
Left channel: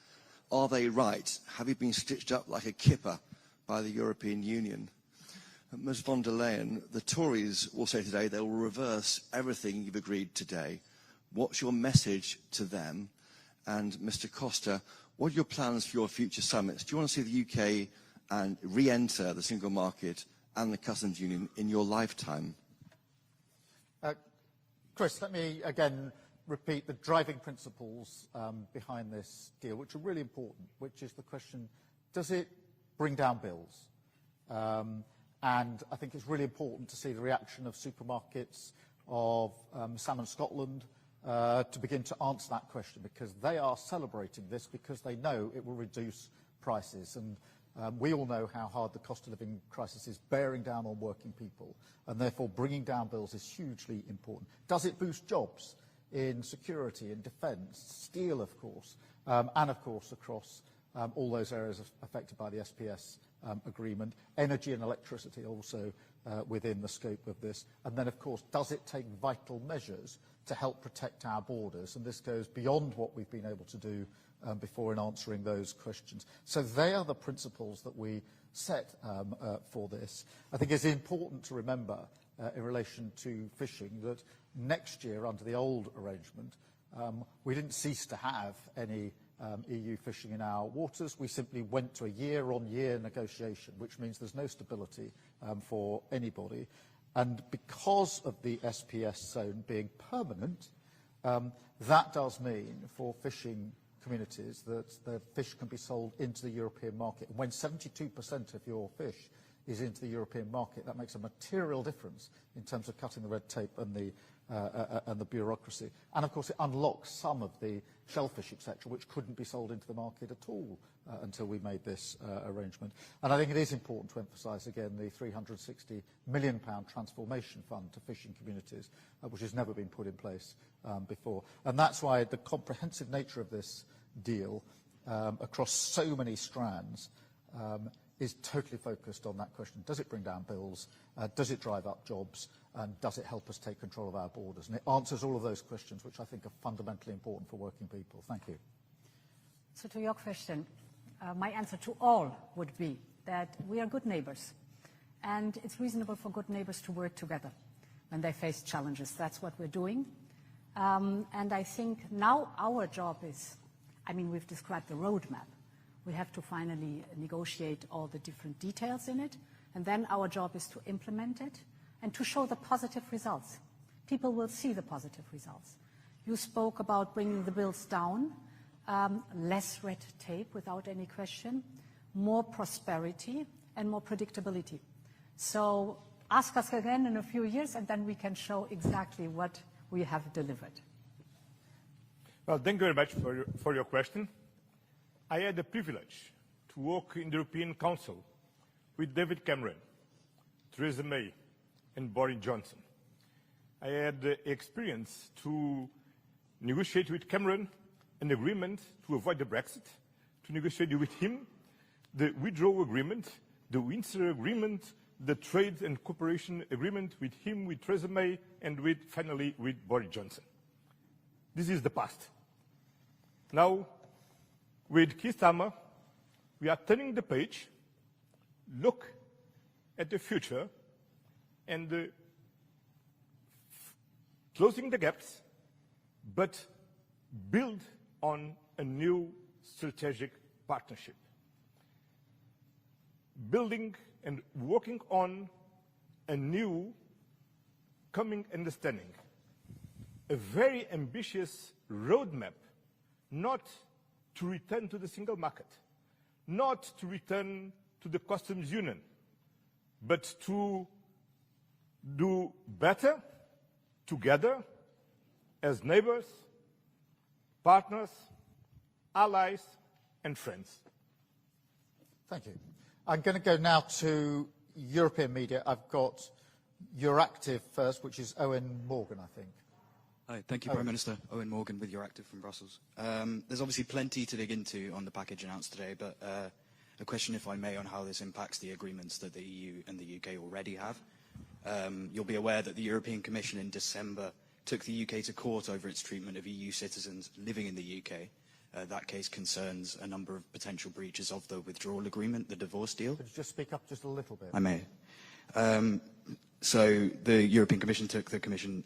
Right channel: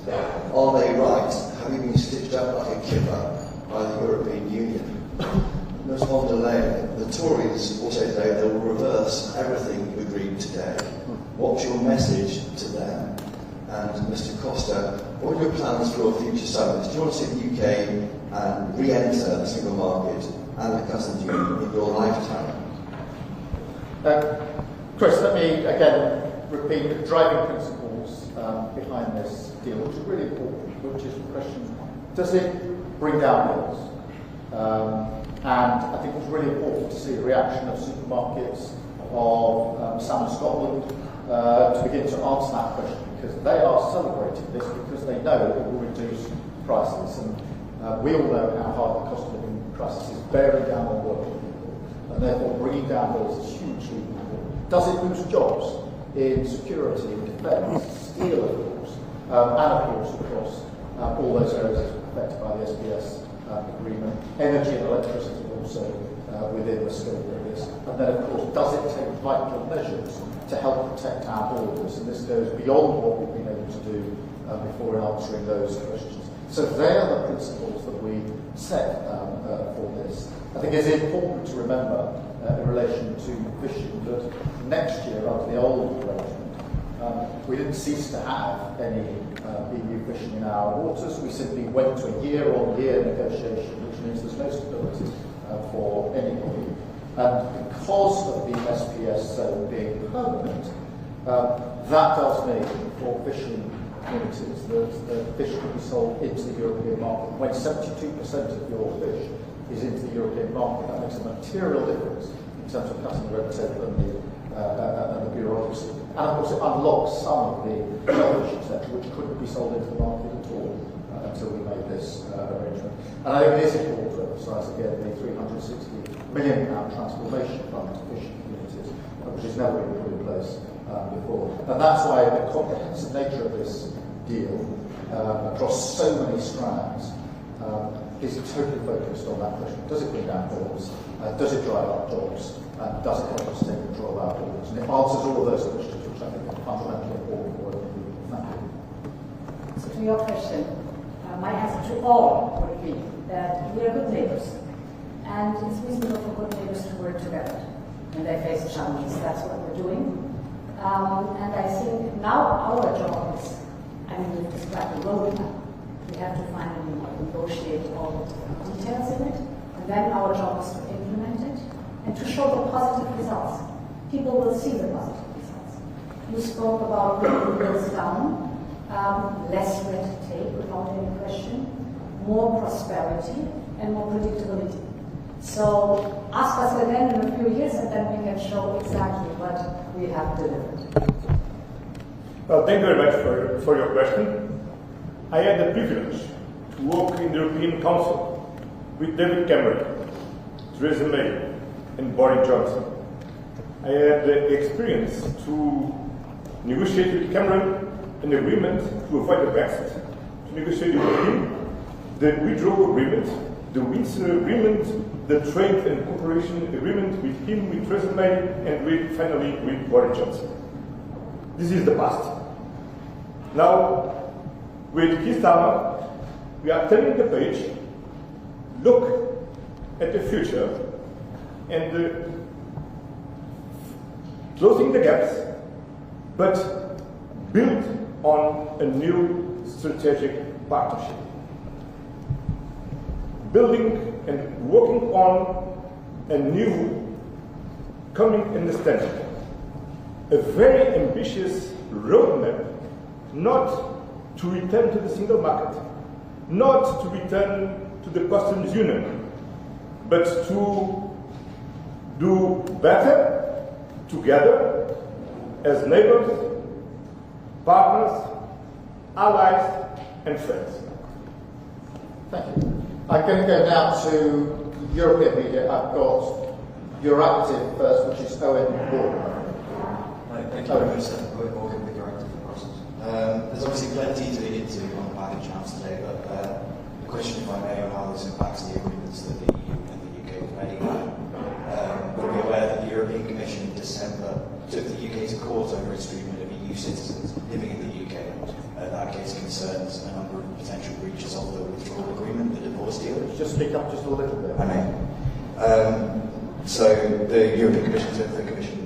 Are they right? Have you been stitched up like a kipper by the European Union? Ms von der Leyen, the Tories will say today they will reverse everything you agreed today. What's your message to them? And Mr Costa, what are your plans for your future summits? Do you want to see the UK and re-enter the single market and the customs union in your lifetime? Chris, let me again repeat the driving principles behind this deal, which is really important, which is the question, does it bring down bills? And I think it's really important to see the reaction of supermarkets of Salmon Scotland to begin to answer that question, because they are celebrating this because they know it will reduce prices. And we all know how hard the cost of living crisis is bearing down on working people, and therefore bringing down bills is hugely important. Does it boost jobs in security, in defence, steel, of course, and of course across all those areas affected by the SBS agreement, energy and electricity also within the scope of this. And then, of course, does it take vital measures to help protect our borders? And this goes beyond what we've been able to do before in answering those questions. So they are the principles that we set for this. I think it's important to remember in relation to fishing that next year, under the old arrangement, we didn't cease to have any EU fishing in our waters. We simply went to a year-on-year negotiation, which means there's no stability for anybody. And because of the SPS zone being permanent, that does mean for fishing communities that the fish can be sold into the European market. When 72% of your fish is into the European market, that makes a material difference in terms of cutting the red tape and the bureaucracy. And of course it unlocks some of the shellfish, etc., which couldn't be sold into the market at all until we made this arrangement. And I think it is important to emphasise again the £360 million transformation fund to fishing communities, which has never been put in place before. And that's why the comprehensive nature of this deal across so many strands is totally focused on that question. Does it bring down bills? Does it drive up jobs? Does it help us take control of our borders? And it answers all of those questions, which I think are fundamentally important for working people. Thank you. So to your question, my answer to all would be that we are good neighbours. And it's reasonable for good neighbours to work together. And they face challenges. That's what we're doing. And I think now our job is, we've described the roadmap. We have to finally negotiate all the different details in it. And then our job is to implement it and to show the positive results. People will see the positive results. You spoke about bringing the bills down, less red tape without any question, more prosperity and more predictability. So ask us again in a few years and then we can show exactly what we have delivered. Well, thank you very much for your question. I had the privilege to work in the European Council with David Cameron, Theresa May and Boris Johnson. I had the experience to negotiate with Cameron an agreement to avoid the Brexit, to negotiate with him the withdrawal agreement, the Windsor agreement, the trade and cooperation agreement with him, with Theresa May, and finally with Boris Johnson. This is the past. Now, with Keir Starmer, we are turning the page, look at the future, and closing the gaps, but build on a new strategic partnership. building and working on a new common understanding, a very ambitious roadmap, not to return to the single market, not to return to the customs union, but to do better together as neighbors, partners, allies, and friends. Thank you. I'm going to go now to European media. I've got Euractiv first, which is Owen Morgan. Right, thank you, Minister. Owen Morgan with Euractiv from Brussels. There's obviously plenty to read into on the package announced today, but the question, if I may, on how this impacts the agreements that the EU and the UK already have. You'll be aware that the European Commission in December took the UK to court over its treatment of EU citizens living in the UK. That case concerns a number of potential breaches of the withdrawal agreement, the divorce deal. Just speak up just a little bit. So the European Commission took the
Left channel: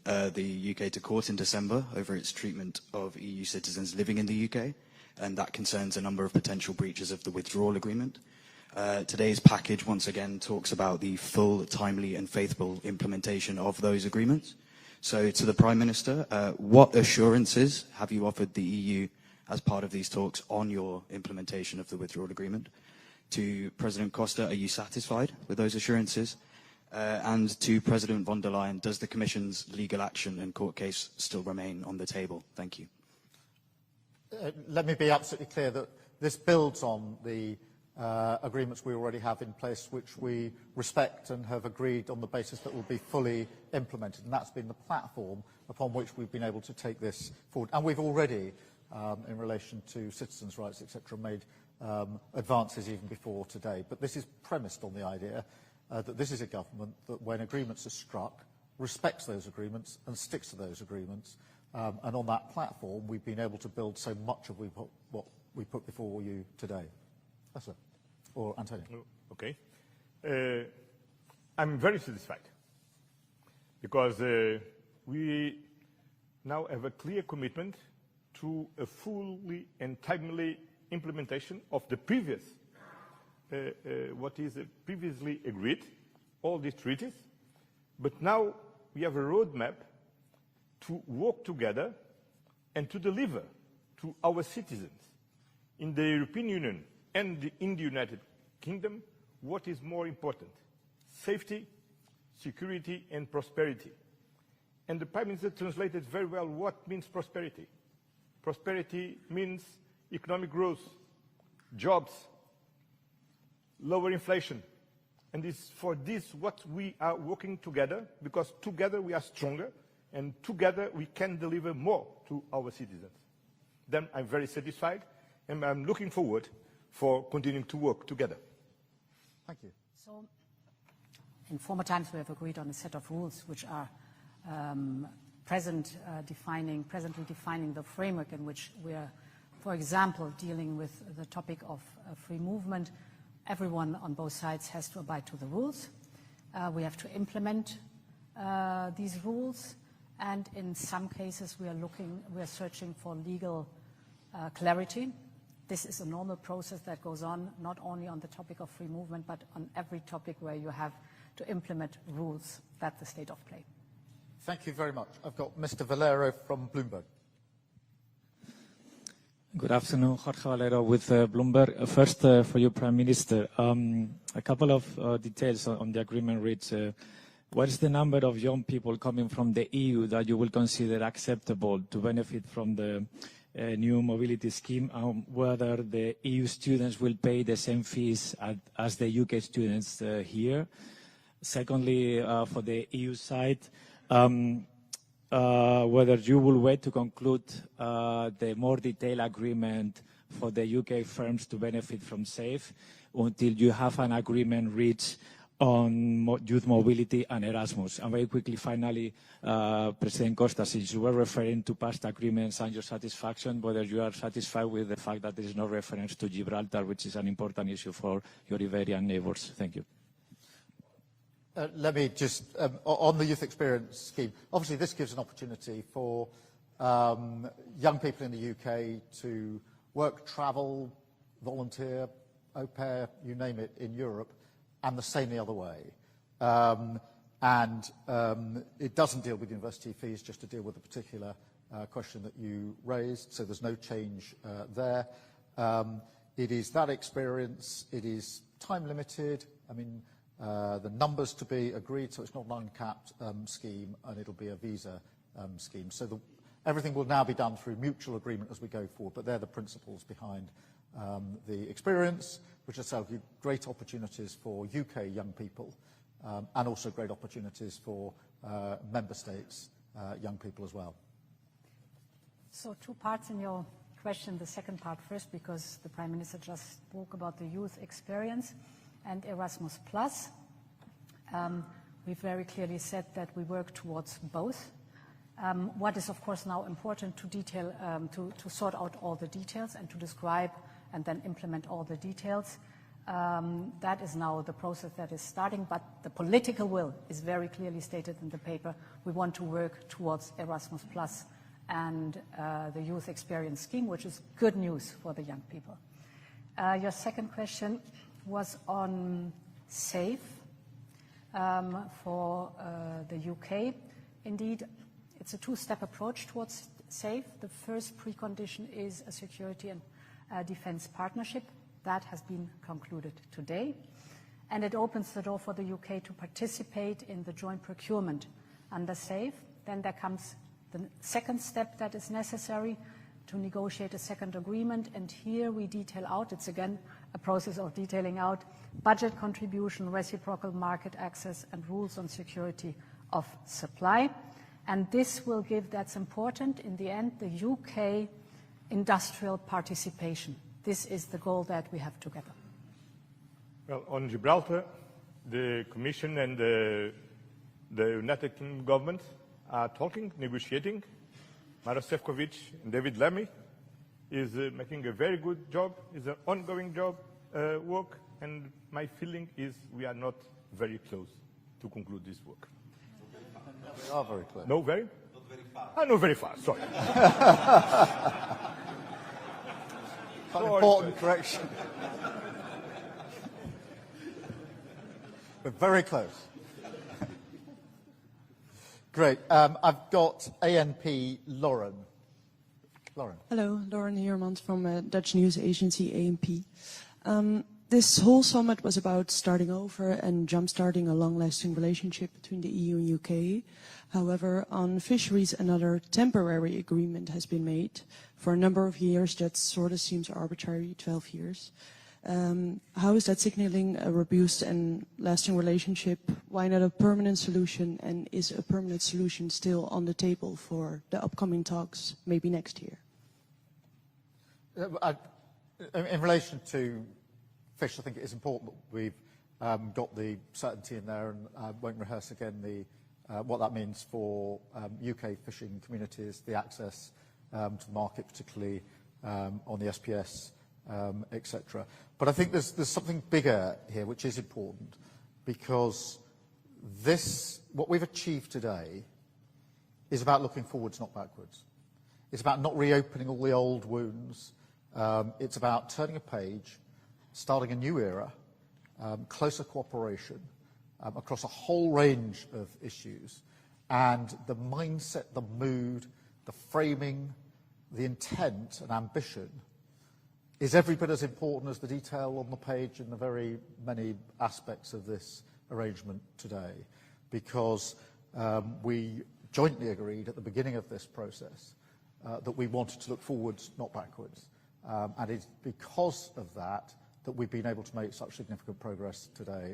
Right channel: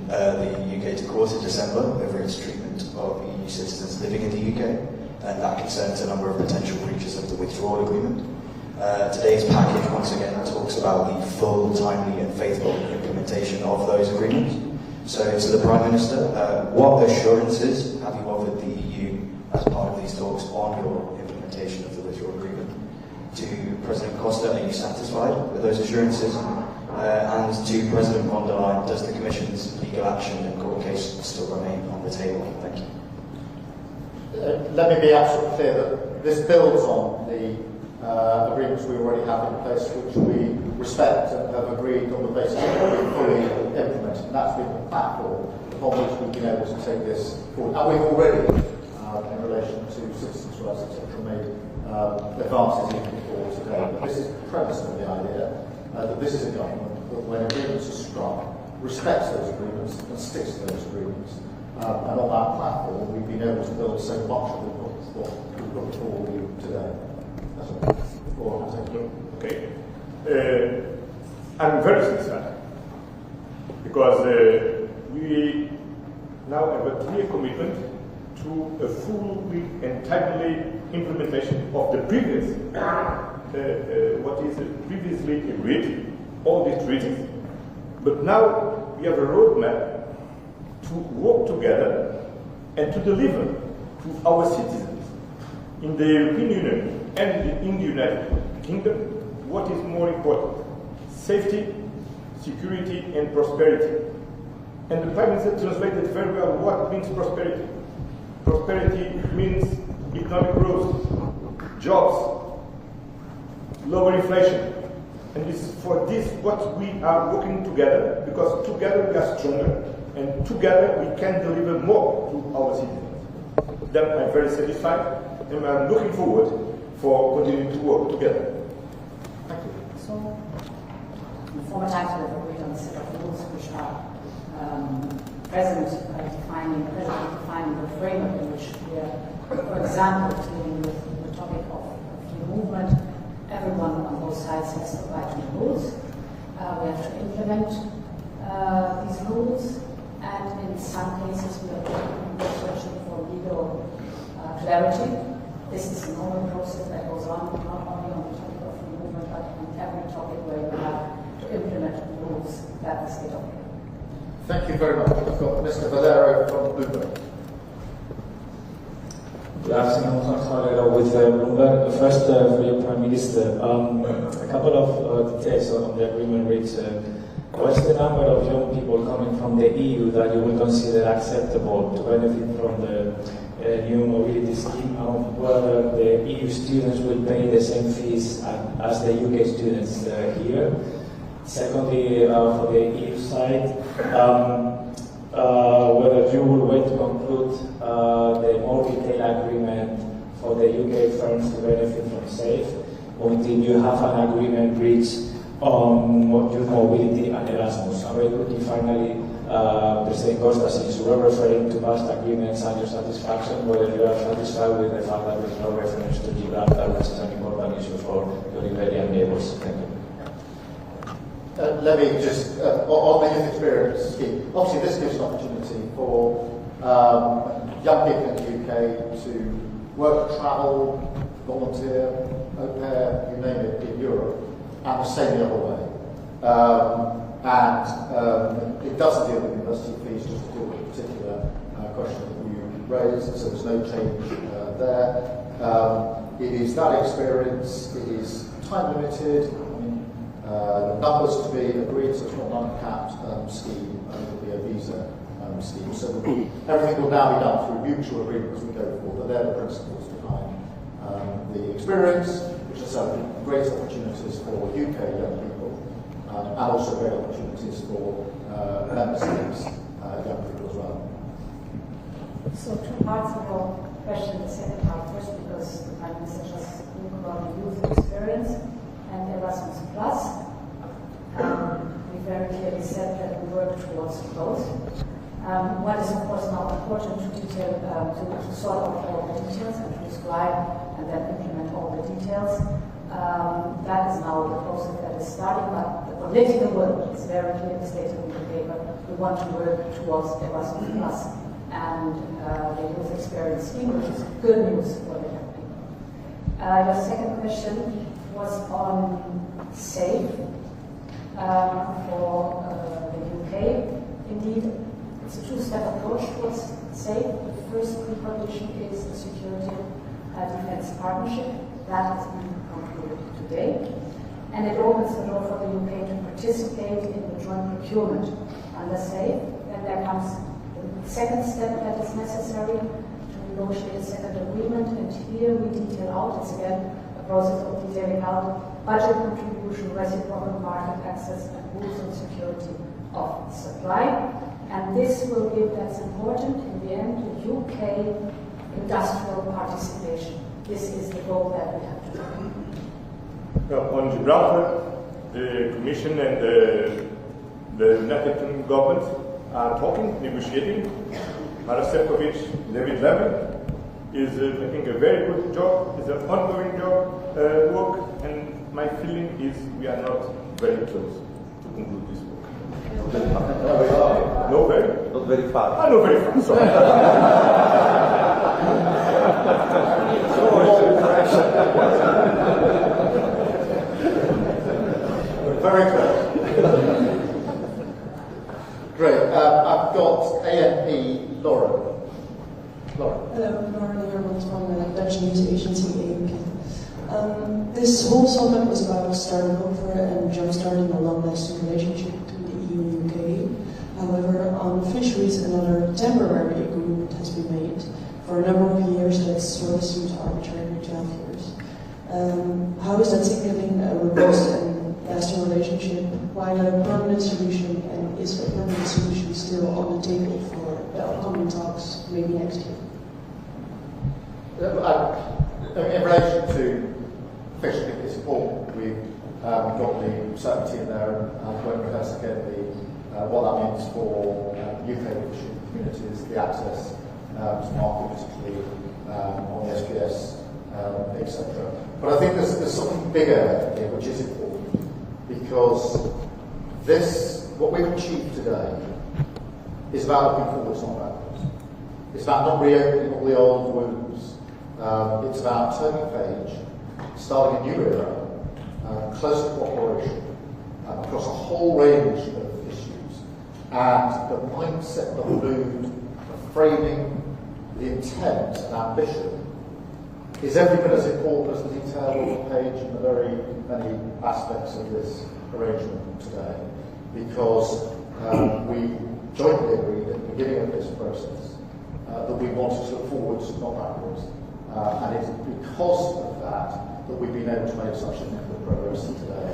UK to court in December over its treatment of EU citizens living in the UK, and that concerns a number of potential breaches of the withdrawal agreement. Today's package once again talks about the full, timely and faithful implementation of those agreements. So to the Prime Minister, what assurances have you offered the EU as part of these talks on your implementation of the withdrawal agreement? To President Costa, are you satisfied with those assurances? And to President von der Leyen, does the Commission's legal action and court case still remain on the table? Thank you. Let me be absolutely clear that this builds on the agreements we already have in place, which we respect and have agreed on the basis that we fully implement. And that's been the platform on which we've been able to take this forward. And we've already, in relation to citizens' rights, etc., made advances even before today. But this is premised on the idea that this is a government that, when agreements are struck, respects those agreements and sticks to those agreements. And on that platform, we've been able to build so much of what we put before you today. That's all I take it. Okay. I'm very satisfied because we now have a clear commitment to a fully and timely implementation of the previous, what is previously agreed, all these treaties. But now we have a roadmap to work together and to deliver to our citizens in the European Union and in the United Kingdom what is more important: safety, security, and prosperity. And the Prime Minister translated very well what means prosperity. Prosperity means economic growth, jobs, lower inflation. And this is for this what we are working together, because together we are stronger, and together we can deliver more to our citizens. Then I'm very satisfied, and I'm looking forward for continuing to work together. Thank you. So, in former times we have agreed on a set of rules which are present defining the framework in which we are, for example, dealing with the topic of free movement. Everyone on both sides has to abide to the rules. We have to implement these rules, and in some cases we are searching for legal clarity. This is a normal process that goes on, not only on the topic of free movement, but on every topic where you have to implement rules that the state of play. Thank you very much. I've got Mr. Valero from Bloomberg. Good afternoon, Juan Valero with Bloomberg. First, for your Prime Minister, a couple of details on the agreement reached. What is the number of young people coming from the EU that you would consider acceptable to benefit from the new mobility scheme? Whether the EU students will pay the same fees as the UK students here? Secondly, for the EU side, whether you will wait to conclude the more detailed agreement for the UK firms to benefit from SAFE until you have an agreement reached on youth mobility and Erasmus. And very quickly, finally, President Costa, since you were referring to past agreements and your satisfaction, whether you are satisfied with the fact that there is no reference to Gibraltar, which is an important issue for your Iberian neighbours. Thank you. Let me just, on the youth experience scheme, obviously this gives an opportunity for young people in the UK to work, travel, volunteer, au pair, you name it, in Europe. and the same the other way. It doesn't deal with university fees, just to deal with a particular question that you raised, so there's no change there. It is that experience, it is time limited, numbers to be agreed, so it's not an uncapped scheme, it will be a visa scheme. So everything will now be done through mutual agreement as we go forward, but they're the principles behind the experience, which has great opportunities for UK young people, and also great opportunities for member states young people as well. So two parts of your question, the second part first, because the Prime Minister just spoke about the youth experience and Erasmus Plus. We very clearly said that we work towards both. What is of course now important to detail, to sort out all the details and to describe and then implement all the details. That is now the process that is starting, but the political will is very clearly stated in the paper. We want to work towards Erasmus Plus and the youth experience scheme, which is good news for the young people. Your second question was on SAFE for the UK. Indeed, it's a two-step approach towards SAFE. The first precondition is the security and defence partnership. That has been concluded today. And it opens the door for the UK to participate in the joint procurement under SAFE. Then there comes the second step that is necessary to negotiate a second agreement, and here we detail out, it's again a process of detailing out budget contribution, reciprocal market access, and rules on security of supply. And this will give, that's important, in the end, the UK industrial participation. This is the goal that we have to have. On Gibraltar, the Commission and the United Kingdom government are talking, negotiating. Harasekovic, David Levin is making a very good job. It's an ongoing job, work, and my feeling is we are not very close to conclude this work. No, very? Not very far. Ah, no, very far, sorry. Very close. Great. I've got ANP Lauren. Lauren. Hello, Lauren Heermans from Dutch news agency ANP. This whole summit was about starting over and jump-starting a long-lasting relationship between the EU and UK. However, on fisheries, another temporary agreement has been made for a number of years that sort of seems arbitrary, 12 years. How is that signaling a robust and lasting relationship? Why not a permanent solution? And is a permanent solution still on the table for the upcoming talks, maybe next year? In relation to fish, I think it's important we've got the certainty in there and won't rehearse again what that means for UK fishing communities, the access to market, particularly on the SPS, etc. But I think there's something bigger here which is important, because what we've achieved today is about looking forwards, not backwards. It's about not reopening all the old wounds. It's about turning a page, starting a new era, closer cooperation across a whole range of issues, and the mindset, the mood, the framing, the intent and ambition is every bit as important as the detail on the page and the very many aspects of this arrangement today, because we jointly agreed at the beginning of this process that we wanted to look forwards, not backwards. And it's because of that we've been able to make such significant progress today.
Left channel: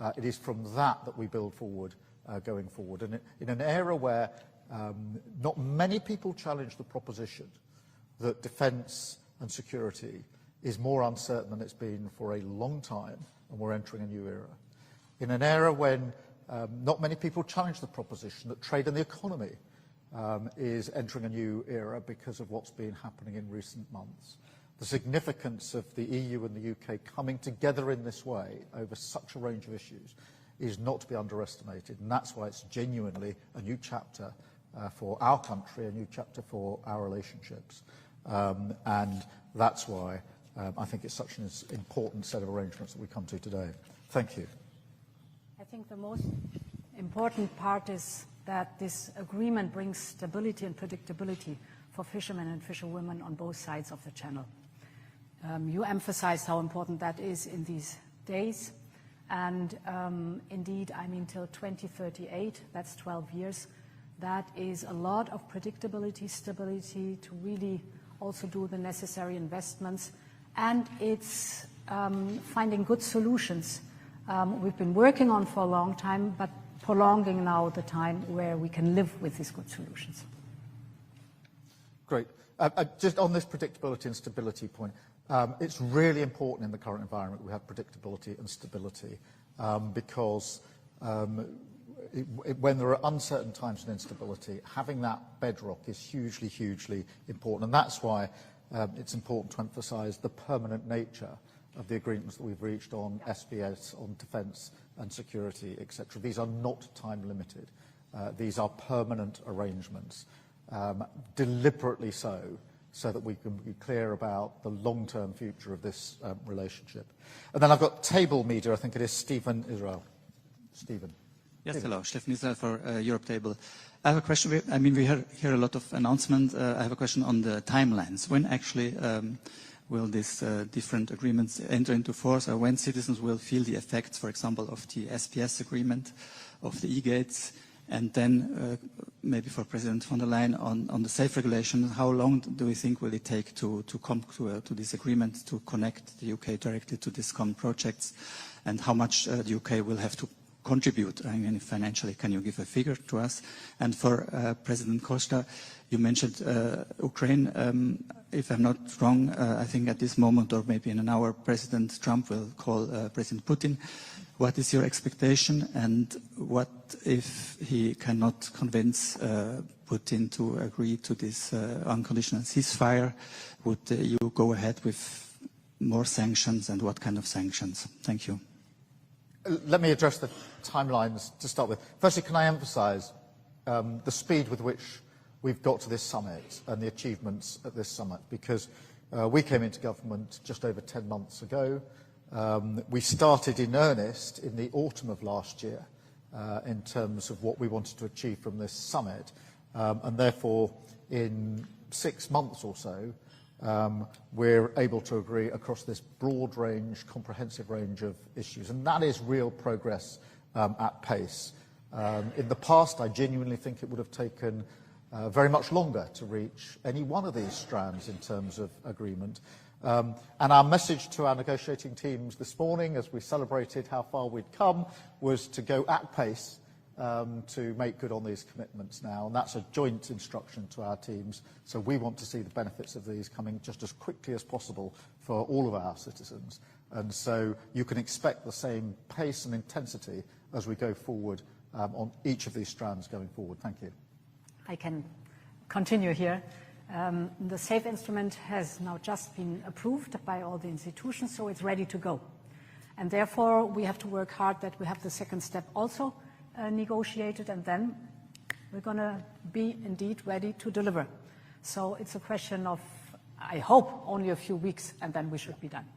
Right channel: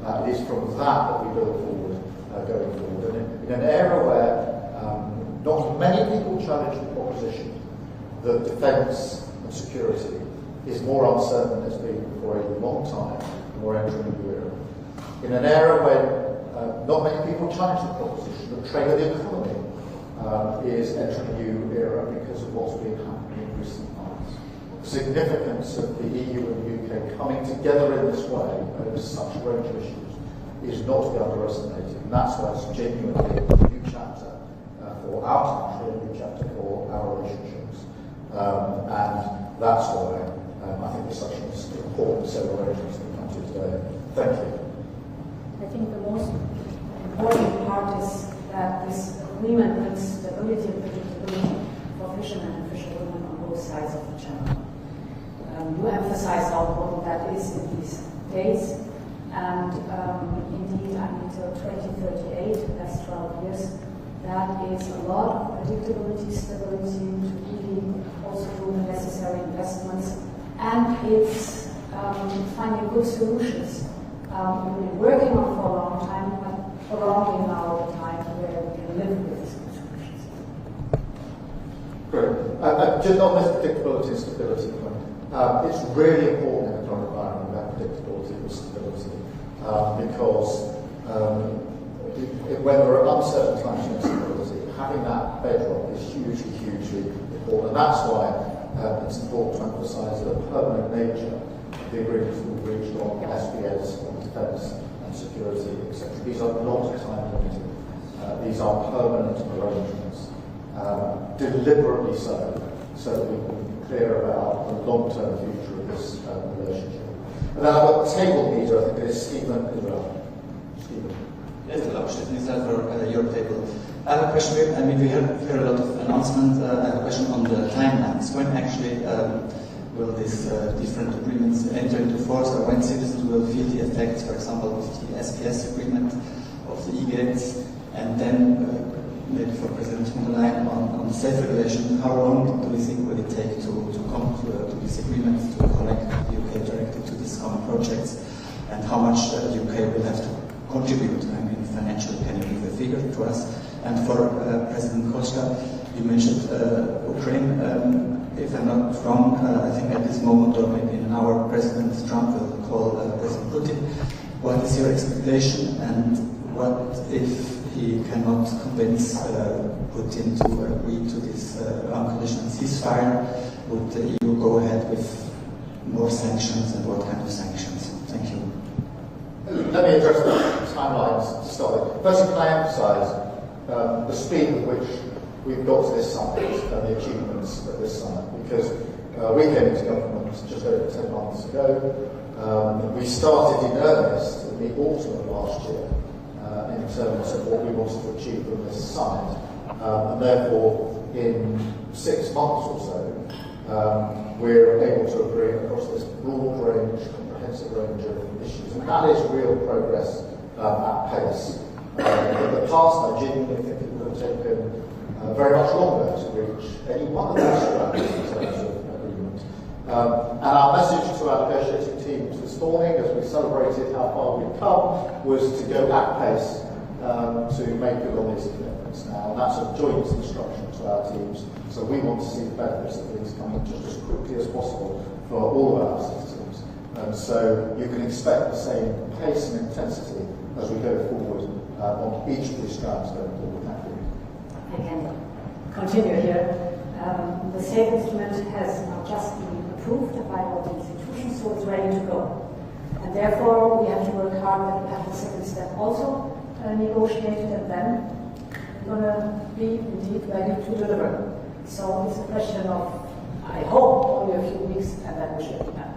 And it is from that we build forward, going forward. And in an era where not many people challenge the proposition that defence and security is more uncertain than it's been for a long time, and we're entering a new era. In an era when not many people challenge the proposition that trade of the economy is entering a new era because of what's been happening in recent months. The significance of the EU and the UK coming together in this way over such a range of issues is not to be underestimated, and that's why it's genuinely a new chapter for our country, a new chapter for our relationships, and that's why I think it's such an important set of arrangements that we come to today. Thank you. I think the most important part is that this agreement brings stability and predictability for fishermen and fisherwomen on both sides of the channel. You emphasized how important that is in these days, and indeed, until 2038, that's 12 years, that is a lot of predictability, stability, to really also do the necessary investments, and it's finding good solutions. We've been working on for a long time, but prolonging now the time where we can live with these good solutions. Great. Just on this predictability and stability point, it's really important in the current environment about predictability and stability because when there are uncertain times and instability, having that bedrock is hugely, hugely important. And that's why it's important to emphasise the permanent nature of the agreements we've reached on SPS, on defence and security, etc. These are not time limited. These are permanent arrangements, deliberately so that we can be clear about the long-term future of this relationship. And then I've got table media, I think it is Stephen Israel. Stephen. Yes, hello, Stephen Israel for Europe Table. I have a question. I mean, we hear a lot of announcements. I have a question on the timelines. When actually will these different agreements enter into force, or when citizens will feel the effects, for example, of the SPS agreement, of the e-gates, and then maybe for President von der Leyen on the safe regulation, how long do we think will it take to come to this agreement to connect the UK directly to these common projects, and how much the UK will have to contribute, I mean, financially? Can you give a figure to us? And for President Costa, you mentioned Ukraine. If I'm not wrong, I think at this moment, or maybe in an hour, President Trump will call President Putin. What is your expectation, and what if he cannot convince Putin to agree to this unconditional ceasefire? Would the EU go ahead with more sanctions, and what kind of sanctions? Thank you. Let me address the timelines to start with. Firstly, can I emphasise the speed with which we've got to this summit and the achievements at this summit, because we came into government just over 10 months ago. We started in earnest in the autumn of last year in terms of what we wanted to achieve from this summit, and therefore in 6 months or so we're able to agree across this broad range, comprehensive range of issues, and that is real progress at pace. In the past, I genuinely think it would have taken very much longer to reach any one of these strands in terms of agreement. And our message to our negotiating teams this morning, as we celebrated how far we'd come, was to go at pace to make good on these commitments now. And that's a joint instruction to our teams. So we want to see the benefits of these coming just as quickly as possible for all of our citizens. And so you can expect the same pace and intensity as we go forward on each of these strands going forward. Thank you. I can continue here. The SAFE instrument has now just been approved by all the institutions, so it's ready to go. And therefore, we have to work hard that we have the second step also negotiated, and then we're going to be indeed ready to deliver. So it's a question of, I hope, only a few weeks, and then we should be done.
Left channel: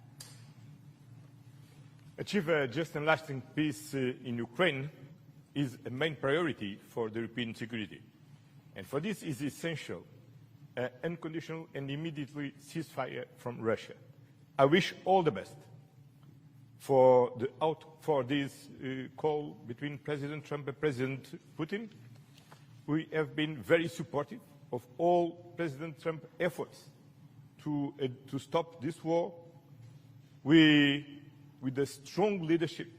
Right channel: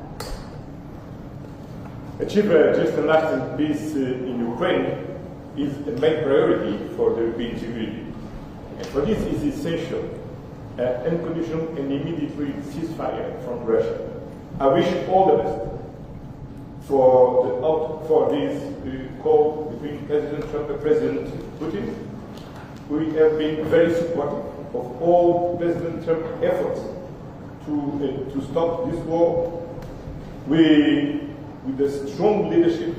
Achieve just and lasting peace in Ukraine is a main priority for the European security. And for this is essential unconditional and immediate ceasefire from Russia. I wish all the best for this call between President Trump and President Putin. We have been very supportive of all President Trump's efforts to stop this war. With the strong leadership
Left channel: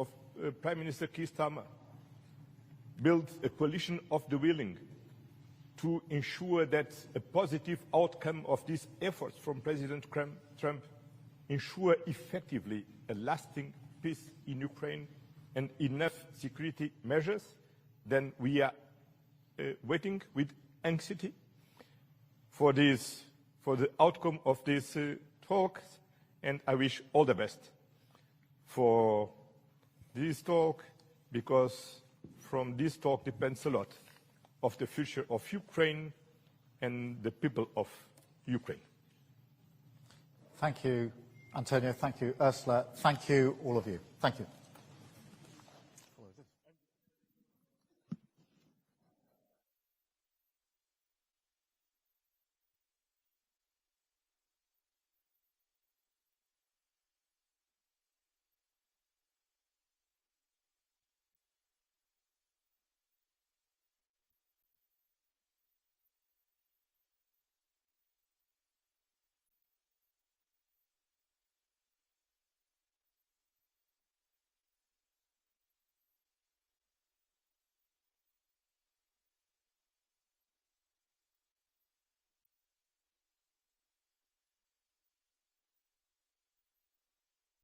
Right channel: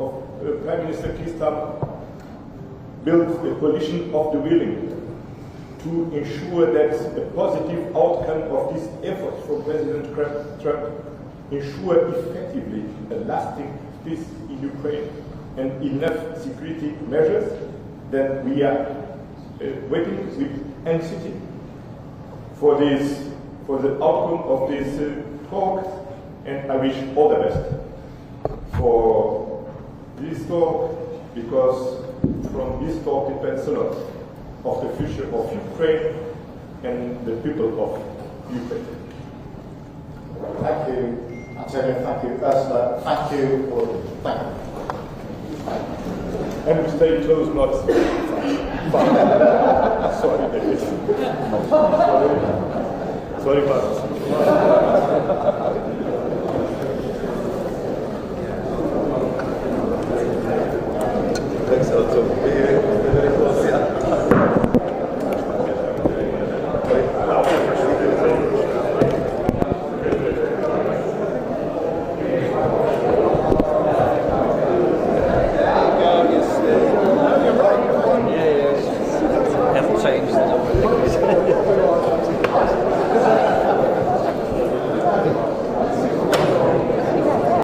of Prime Minister Keir Starmer, built a coalition of the willing to ensure that a positive outcome of this effort from President Trump ensure effectively a lasting peace in Ukraine and enough security measures. Then we are waiting with anxiety for the outcome of this talk, and I wish all the best for this talk, because from this talk depends a lot of the future of Ukraine and the people of Ukraine. Thank you. Antonio, thank you. Ursula, thank you. Audrey, thank you. And stay close, not far. Sorry, David. Sorry, Marcus.